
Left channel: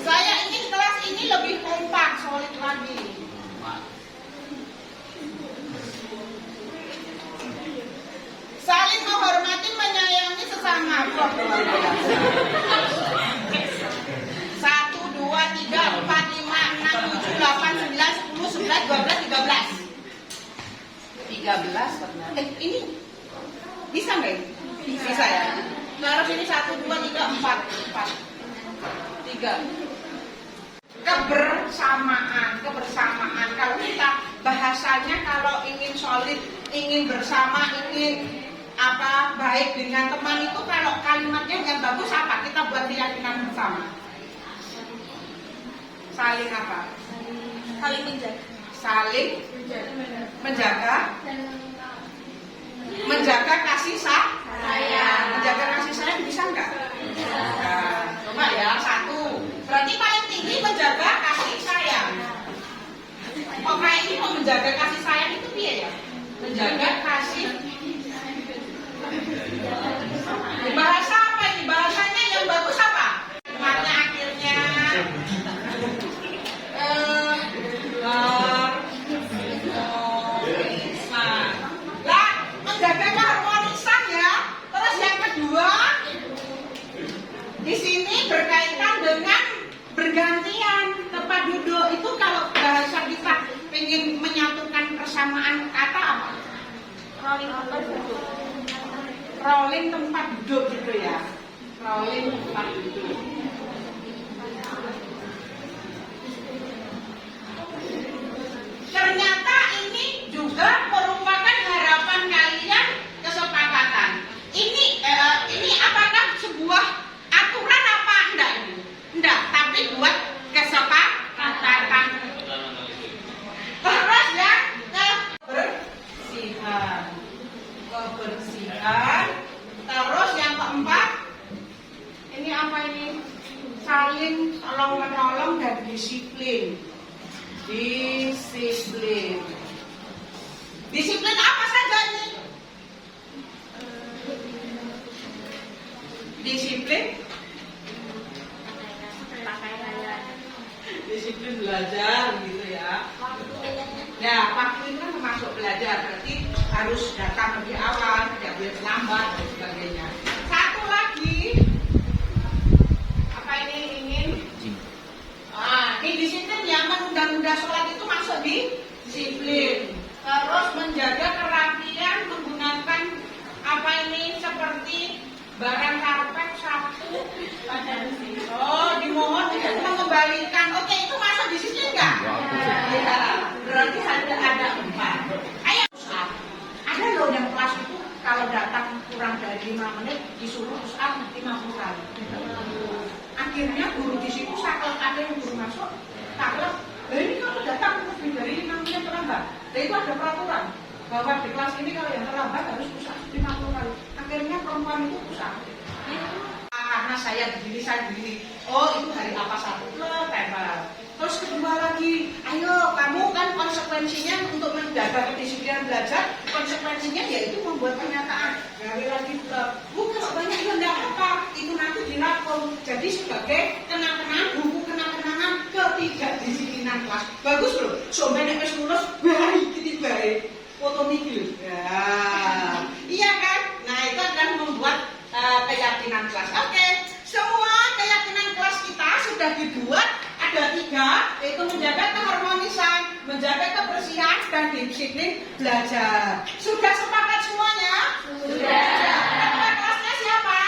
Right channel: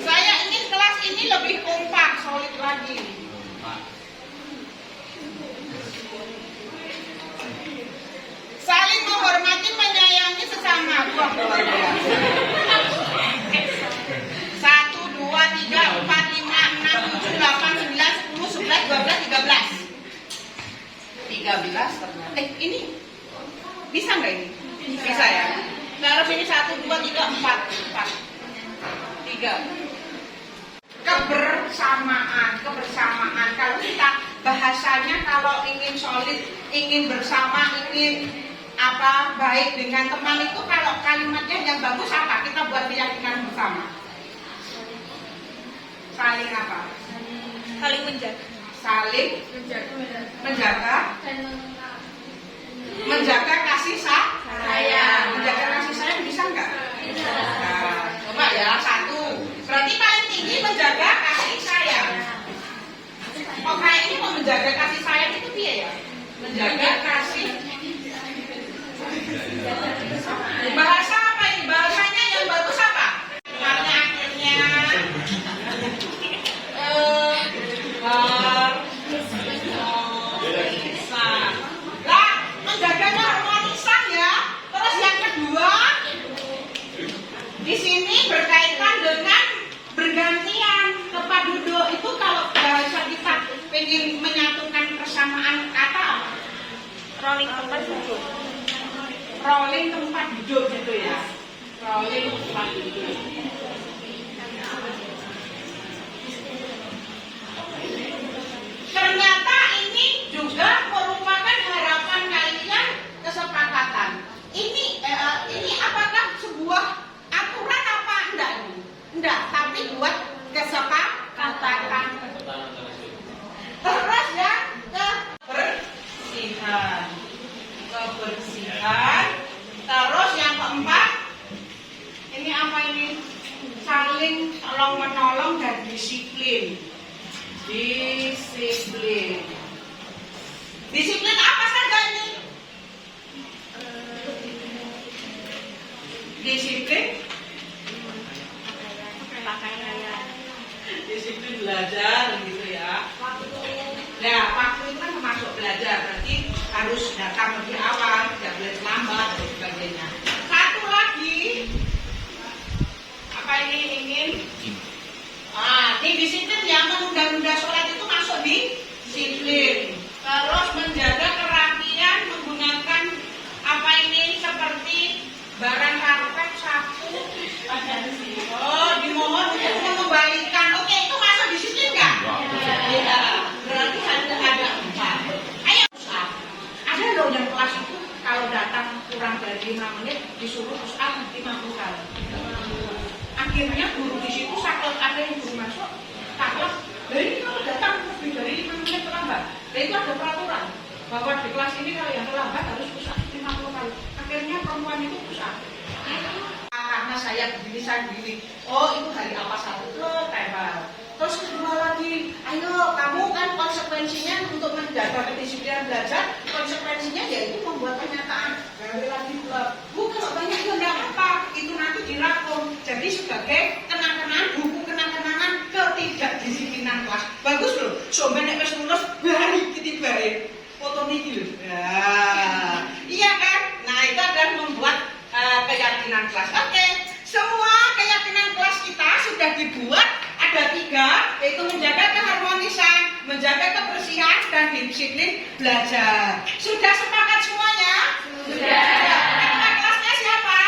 Saya ingin kelas ini lebih kompak, solid lagi. Saling menghormati, menyayangi sesama. Wah, luar biasa. 1, 2, 3, 4, 5, 6, 7, 8, 9, 10, 11, 12, 13. 13 ternyata. Ini bisa nggak ini? Bisa ya. Taruh sini 1, 2, 3, 4. 3. Kebersamaan. Kalau kita bahasanya kalau ingin solid, ingin bersama, ingin baik dengan teman itu kalau kalimatnya yang bagus apa? Kita buat keyakinan bersama. Saling apa? Saling menjaga. Saling menjaga. Menjaga kasih sayang. Menjaga kasih sayang bisa nggak? Nah, coba ya, 1. Berarti paling tinggi menjaga kasih sayang. Oh, kayak ini mau menjaga kasih sayang itu dia ya? Menjaga kasih. Bahasa apa ini? Bahasanya yang bagus apa? Makanya akhirnya harmonisan. Lah, menjaga keharmonisan ya. Terus yang kedua, di sini berkaitan dengan bergantian tempat duduk. Itu kalau bahasa kita pengen menyatukan persamaan kata apa? Rolling tempat duduk. Rolling tempat duduk gitu ya. Rolling tempat duduk. Ternyata ini juga merupakan harapan kalian, kesepakatan. Ini apakah sebuah aturan apa enggak ini? Enggak, tapi buat kesepakatan. Terus ya, kebersihan. Terus yang keempat, ini apa ini? Saling tolong menolong dan disiplin. Disiplin apa saja ini? Disiplin belajar gitu ya. Nah, waktu itu kan termasuk belajar, berarti harus datang lebih awal, tidak boleh terlambat dan sebagainya. Satu lagi, apa ini ingin? Ini disiplin yang menunda-nunda sholat itu masuk di disiplin. Terus menjaga kerapian menggunakan apa ini seperti barang karpet, sapu. Oh, dimohon untuk mengembalikan. Oke, itu masuk disiplin nggak? Ya, berarti ada 4. Ayo, ada loh yang kelas itu kalau datang kurang dari 5 menit disuruh push up 50 kali. Akhirnya guru di situ saklek, ada yang guru masuk saklek. Nah ini kalau datang lebih dari 5 menit terlambat, nah itu ada peraturan bahwa di kelas ini kalau yang terlambat harus push up 50 kali. Akhirnya perempuan itu push up. Karena saya begini. Oh itu hari apa satu lo tempel. Terus kedua lagi, ayo kamu kan konsekuensinya untuk menjaga kedisiplinan belajar, konsekuensinya yaitu membuat pernyataan. Sekali lagi kalau banyak ya enggak apa, itu nanti dirangkum. Jadi sebagai kenang-kenangan, buku kenang-kenangan ketidakdisiplinan kelas. Bagus loh. Sampai nek wis lulus baik iki baik. Foto niki lho. Ya. Iya kan? Nah, itu akan membuat keyakinan kelas. Oke, semua keyakinan kelas kita sudah dibuat ada 3, yaitu menjaga keharmonisan, menjaga kebersihan, dan disiplin belajar. Sudah sepakat semuanya? Sudah. Ketua kelasnya siapa?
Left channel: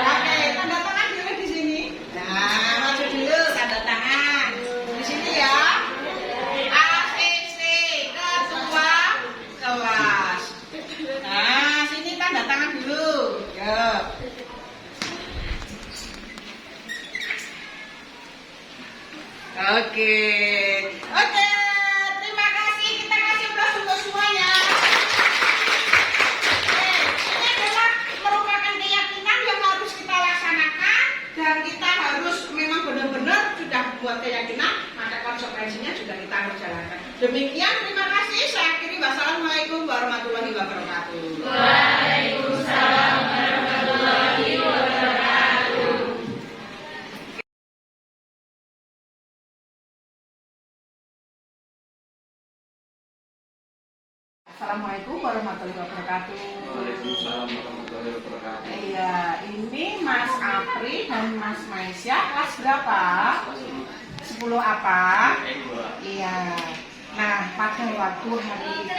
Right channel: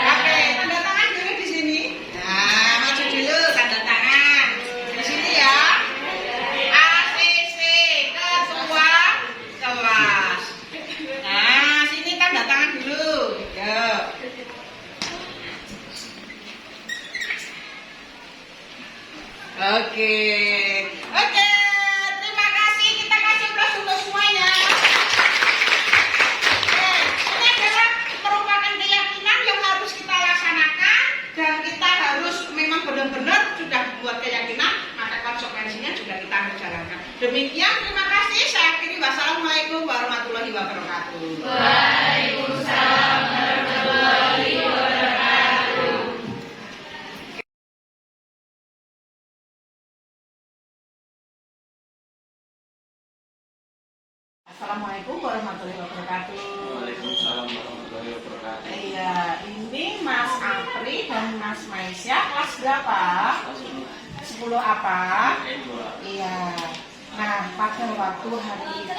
Oke, tanda tangan dulu di sini. Nah, maju dulu tanda tangan. Di sini ya. ACC, ketua kelas. Nah, sini tanda tangan dulu. Yuk. Oke, terima kasih. Kita kasih aplaus untuk semuanya. Ini adalah merupakan keyakinan yang harus kita laksanakan dan kita harus memang benar-benar sudah buat keyakinan, maka konsekuensinya juga kita harus jalankan. Demikian, terima kasih. Saya akhiri. Wassalamualaikum warahmatullahi wabarakatuh. Waalaikumsalam warahmatullahi wabarakatuh. Assalamualaikum warahmatullahi wabarakatuh. Waalaikumsalam warahmatullahi wabarakatuh. Iya, ini Mas Apri dan Mas Maisya kelas berapa? 10 apa? Iya. Nah, pada waktu hari itu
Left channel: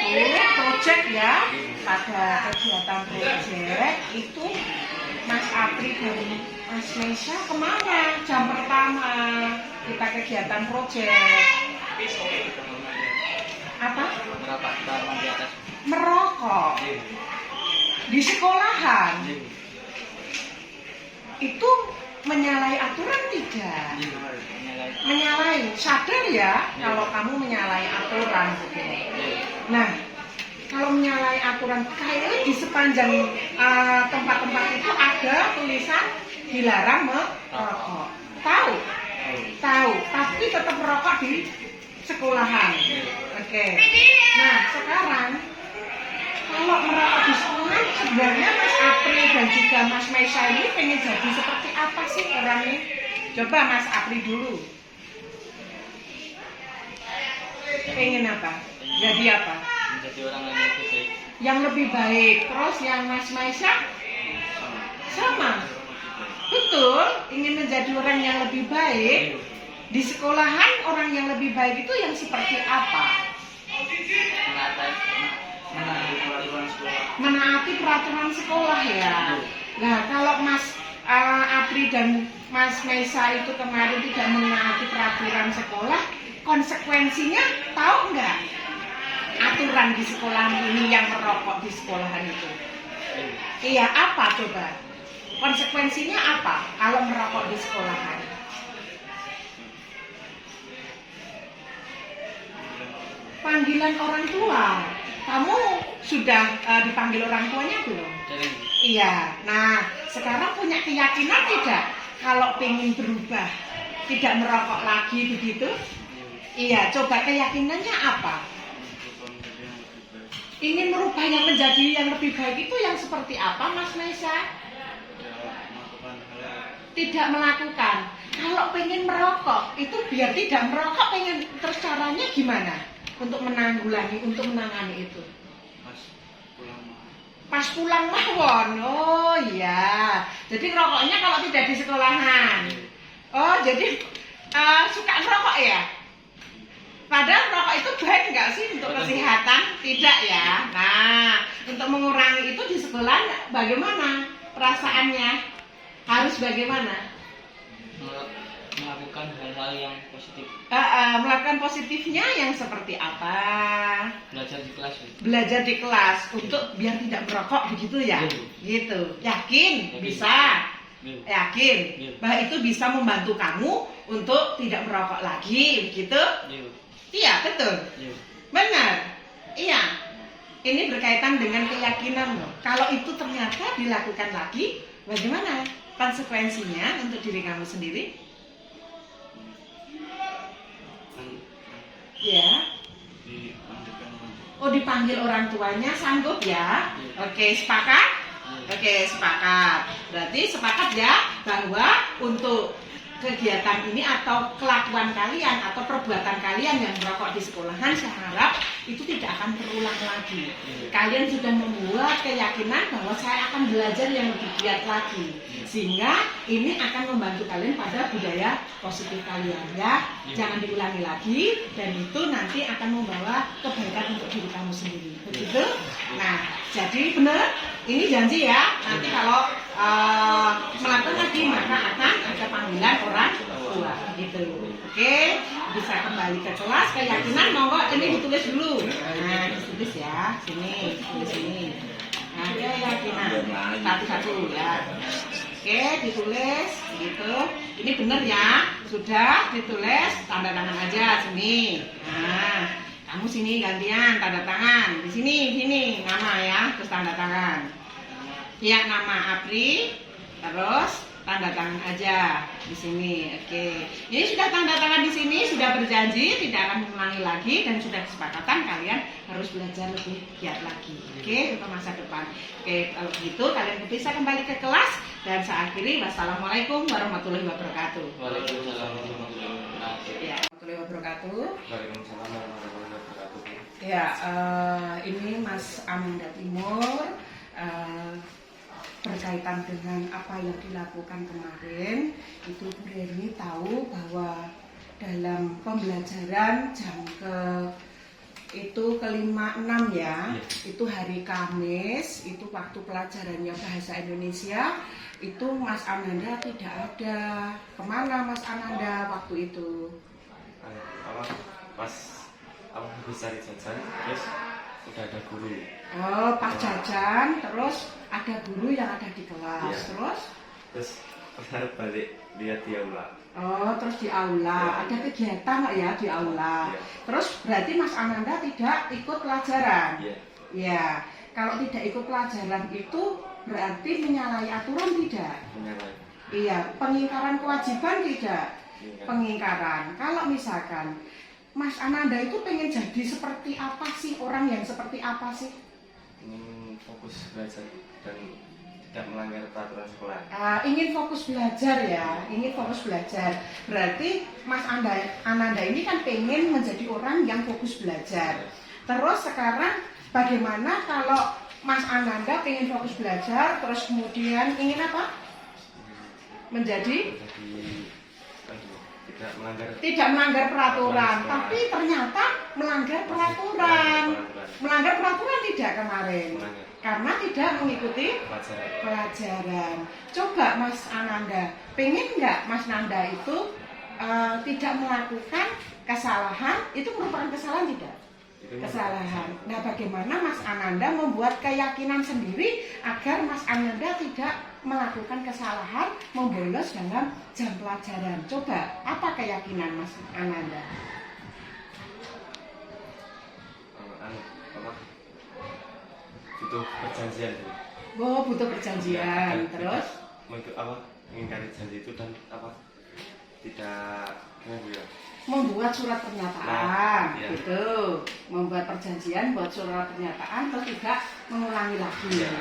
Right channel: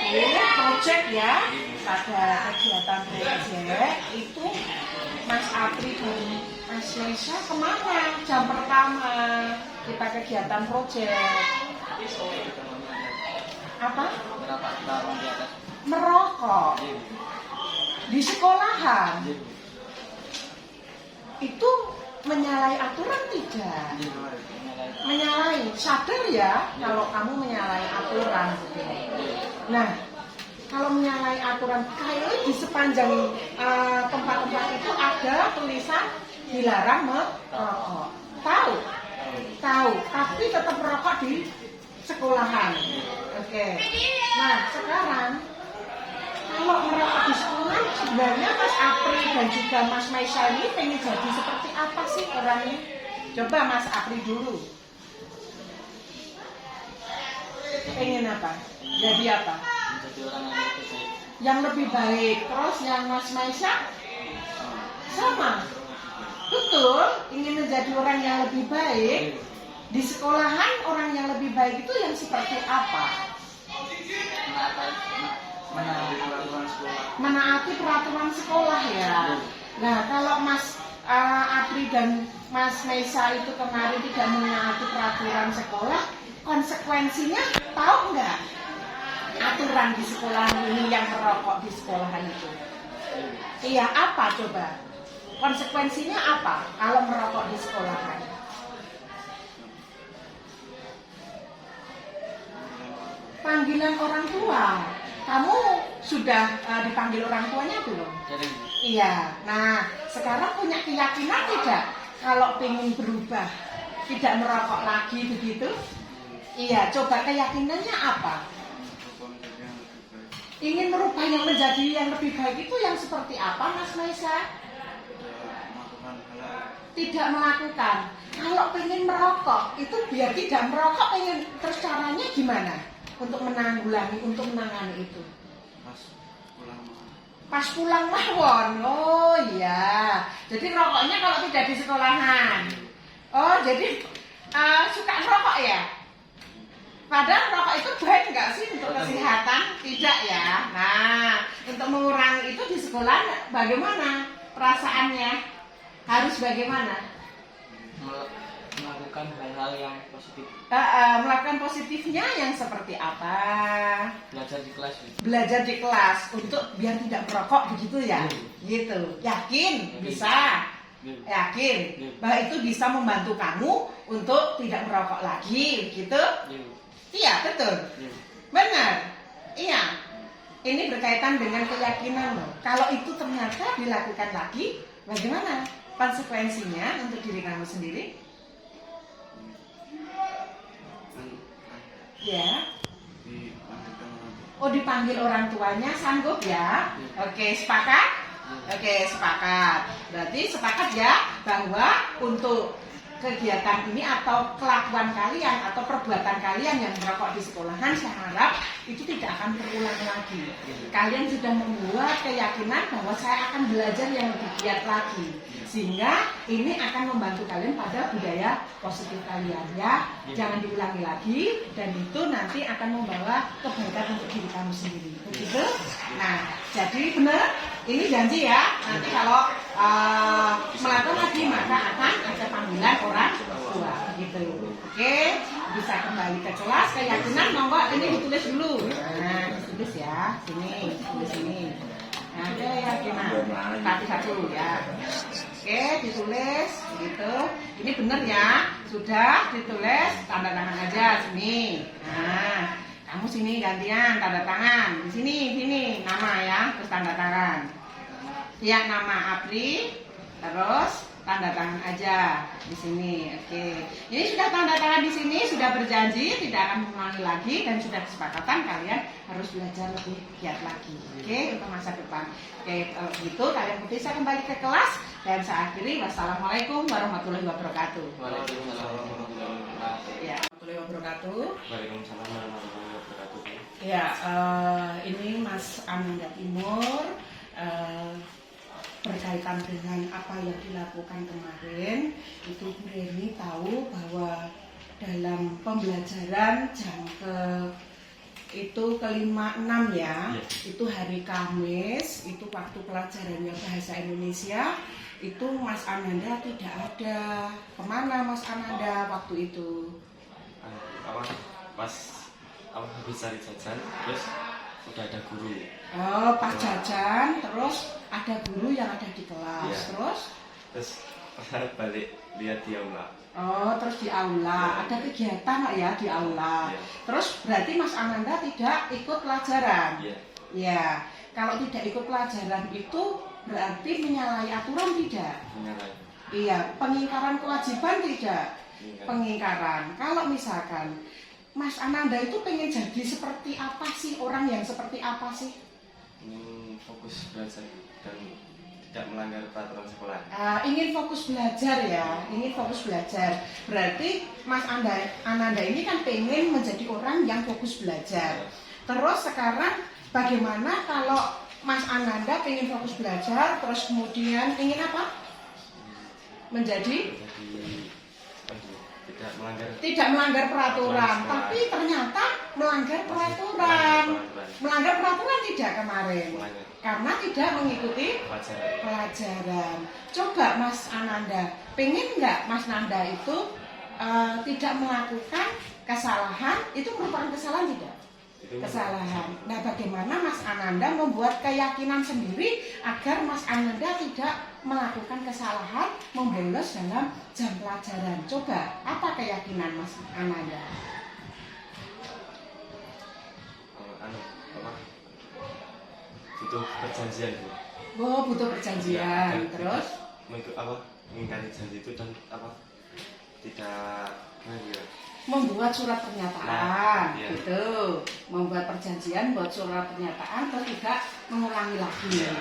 project ya, pada kegiatan project itu Mas Apri dan Mas Maisya kemana? Jam pertama kita kegiatan project. Apa? Merokok di sekolahan itu menyalahi aturan tidak? Menyalahi, sadar ya kalau kamu menyalahi aturan gitu. Nah, kalau menyalahi aturan kayaknya di sepanjang tempat-tempat itu ada tulisan dilarang merokok. Tahu? Tahu, tapi tetap merokok di sekolahan. Oke. Nah, sekarang kalau merokok di sekolahan sebenarnya Mas Apri dan juga Mas Maisya ini pengen jadi seperti apa sih orangnya? Coba Mas Apri dulu. Pengen apa? Jadi apa? Menjadi orang yang lebih baik. Yang lebih baik. Terus yang Mas Maisya sama. Betul, ingin menjadi orang yang lebih baik. Di sekolahan orang yang lebih baik itu yang seperti apa? Menaati peraturan sekolah ya. Nah, kalau Mas Apri dan Mas Maisya itu kemarin tidak menaati peraturan sekolah, konsekuensinya tahu nggak? Aturan di sekolah ini yang merokok di sekolahan itu. Iya, apa coba? Konsekuensinya apa kalau merokok di sekolahan? Panggilan orang tua. Kamu sudah dipanggil orang tuanya belum? Iya. Nah, sekarang punya keyakinan tidak kalau pengen berubah, tidak merokok lagi begitu? Iya. Coba keyakinannya apa? Ingin merubah yang menjadi yang lebih baik itu yang seperti apa, Mas Maisya? Tidak melakukan. Kalau pengen merokok itu biar tidak merokok, pengen terus caranya gimana? Untuk menanggulangi, untuk menangani itu. Pas pulang mawon. Oh iya. Jadi rokoknya kalau tidak di sekolahan. Oh jadi suka ngerokok ya? Padahal rokok itu baik nggak sih untuk kesehatan? Tidak ya. Nah, untuk mengurangi itu di sekolah bagaimana perasaannya? Harus bagaimana? Melakukan hal-hal yang positif. Melakukan positifnya yang seperti apa? Belajar di kelas. Belajar di kelas untuk biar tidak merokok begitu ya? Gitu. Yakin bisa? Yakin bahwa itu bisa membantu kamu untuk tidak merokok lagi begitu? Iya, betul. Benar. Iya. Ini berkaitan dengan keyakinan loh. Kalau itu ternyata dilakukan lagi, bagaimana konsekuensinya untuk diri kamu sendiri? Ya. Oh, dipanggil orang tuanya, sanggup ya? Oke, sepakat? Oke, sepakat. Berarti sepakat ya bahwa untuk kegiatan ini atau kelakuan kalian atau perbuatan kalian yang merokok di sekolahan, saya harap itu tidak akan terulang lagi. Kalian sudah membuat keyakinan bahwa saya akan belajar yang lebih giat lagi, sehingga ini akan membantu kalian pada budaya positif kalian ya. Jangan diulangi lagi, dan itu nanti akan membawa kebaikan untuk diri kamu sendiri. Begitu? Nah, jadi benar, ini janji ya. Nanti kalau melakukan lagi maka akan ada panggilan orang tua. Gitu. Oke, bisa kembali ke kelas. Keyakinan monggo ini ditulis dulu. Nah, ditulis ya. Sini, tulis sini. Nah, keyakinan satu-satu ya. Oke, ditulis gitu. Ini benar ya. Sudah ditulis, tanda tangan aja sini. Nah, kamu sini gantian tanda tangan. Di sini nama ya, terus tanda tangan. Ya, nama Apri, terus tanda tangan aja di sini. Oke. Ini sudah tanda tangan di sini, sudah berjanji tidak akan mengulangi lagi, dan sudah kesepakatan kalian harus belajar lebih giat lagi. Oke, untuk masa depan. Oke, kalau gitu kalian bisa kembali ke kelas, dan saya akhiri. Wassalamualaikum warahmatullahi wabarakatuh. Waalaikumsalam warahmatullahi wabarakatuh. Ya, warahmatullahi wabarakatuh. Waalaikumsalam warahmatullahi wabarakatuh. Ya, ini Mas Ananda Timur. Berkaitan dengan apa yang dilakukan kemarin, itu Bu Reni tahu bahwa dalam pembelajaran jam ke-5-6 ya, itu hari Kamis, itu waktu pelajarannya bahasa Indonesia, itu Mas Ananda tidak ada. Kemana Mas Ananda waktu itu? Pas habis cari jajan, terus udah ada guru. Oh, pas jajan, terus ada guru yang ada di kelas. Iya. Terus balik lihat di aula. oh, terus di aula. Ya. Ada kegiatan nggak ya di aula? Ya. Terus berarti Mas Ananda tidak ikut pelajaran? Iya. Ya. Kalau tidak ikut pelajaran itu berarti menyalahi aturan tidak? Menyalahi. Iya. Pengingkaran kewajiban tidak? Iya. Pengingkaran. Kalau misalkan Mas Ananda itu pengen jadi seperti apa sih? Orang yang seperti apa sih? Ingin fokus belajar dan tidak melanggar peraturan sekolah. Ingin fokus belajar ya, ingin fokus belajar. Berarti Mas Ananda ini kan pengen menjadi orang yang fokus belajar. Terus sekarang bagaimana kalau Mas Ananda pengen fokus belajar, terus kemudian ingin apa? Menjadi tidak melanggar peraturan, tapi ternyata melanggar peraturan. Melanggar peraturan tidak kemarin, karena tidak mengikuti pelajaran. Coba Mas Ananda, pengen nggak Mas Nanda itu tidak melakukan kesalahan? Itu merupakan kesalahan tidak? Kesalahan. Nah, bagaimana Mas Ananda membuat keyakinan sendiri agar Mas Ananda tidak melakukan kesalahan, membolos dalam jam pelajaran? Coba, apa keyakinan Mas Ananda? Butuh perjanjian. Oh, butuh perjanjian. Terus? Mengingkari janji itu dan tidak membuat surat pernyataan, iya. gitu. Membuat perjanjian, buat surat pernyataan, terus tidak mengulangi lagi. Ya,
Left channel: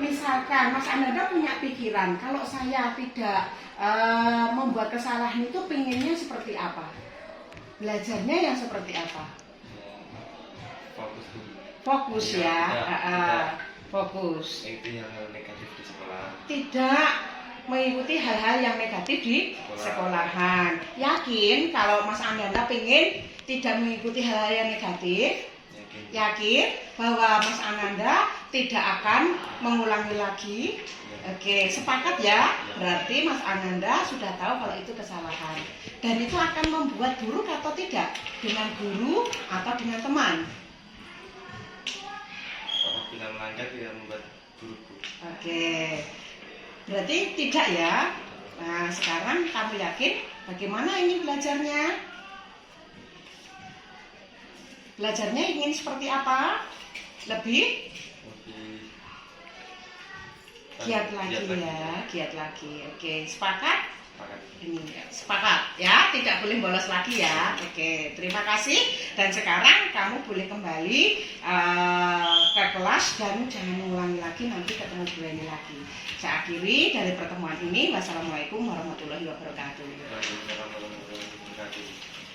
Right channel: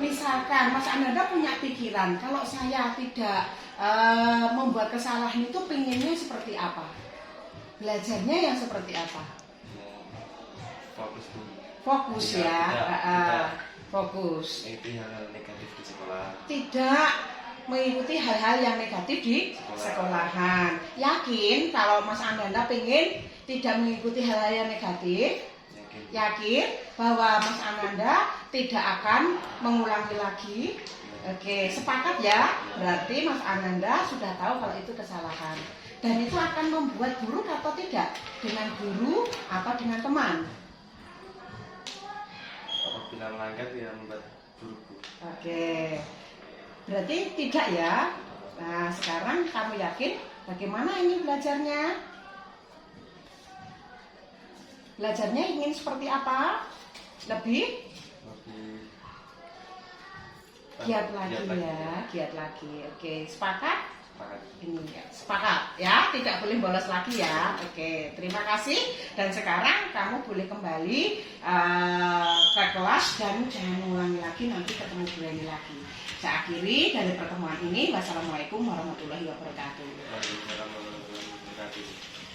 Misalkan Mas Ananda punya pikiran, kalau saya tidak membuat kesalahan itu pinginnya seperti apa? Belajarnya yang seperti apa? Fokus dulu. Fokus ya, fokus. Itu yang negatif di sekolah. Tidak mengikuti hal-hal yang negatif di sekolahan. Yakin kalau Mas Ananda pengen tidak mengikuti hal-hal yang negatif? Yakin bahwa Mas Ananda tidak akan mengulangi lagi? Oke, sepakat ya? Berarti Mas Ananda sudah tahu kalau itu kesalahan. Dan itu akan membuat buruk atau tidak? Dengan guru atau dengan teman? Apabila melanggar dia membuat buruk. Oke. Berarti tidak ya? Nah, sekarang kamu yakin bagaimana ini belajarnya? Belajarnya ingin seperti apa? Lebih giat lagi ya, giat lagi. Oke, sepakat? Ini sepakat ya, tidak boleh bolos lagi ya. Oke, terima kasih. Dan sekarang kamu boleh kembali ke kelas dan jangan mengulangi lagi, nanti ketemu Bu Eni lagi. Saya akhiri dari pertemuan ini. Wassalamualaikum warahmatullahi wabarakatuh. Waalaikumsalam warahmatullahi wabarakatuh.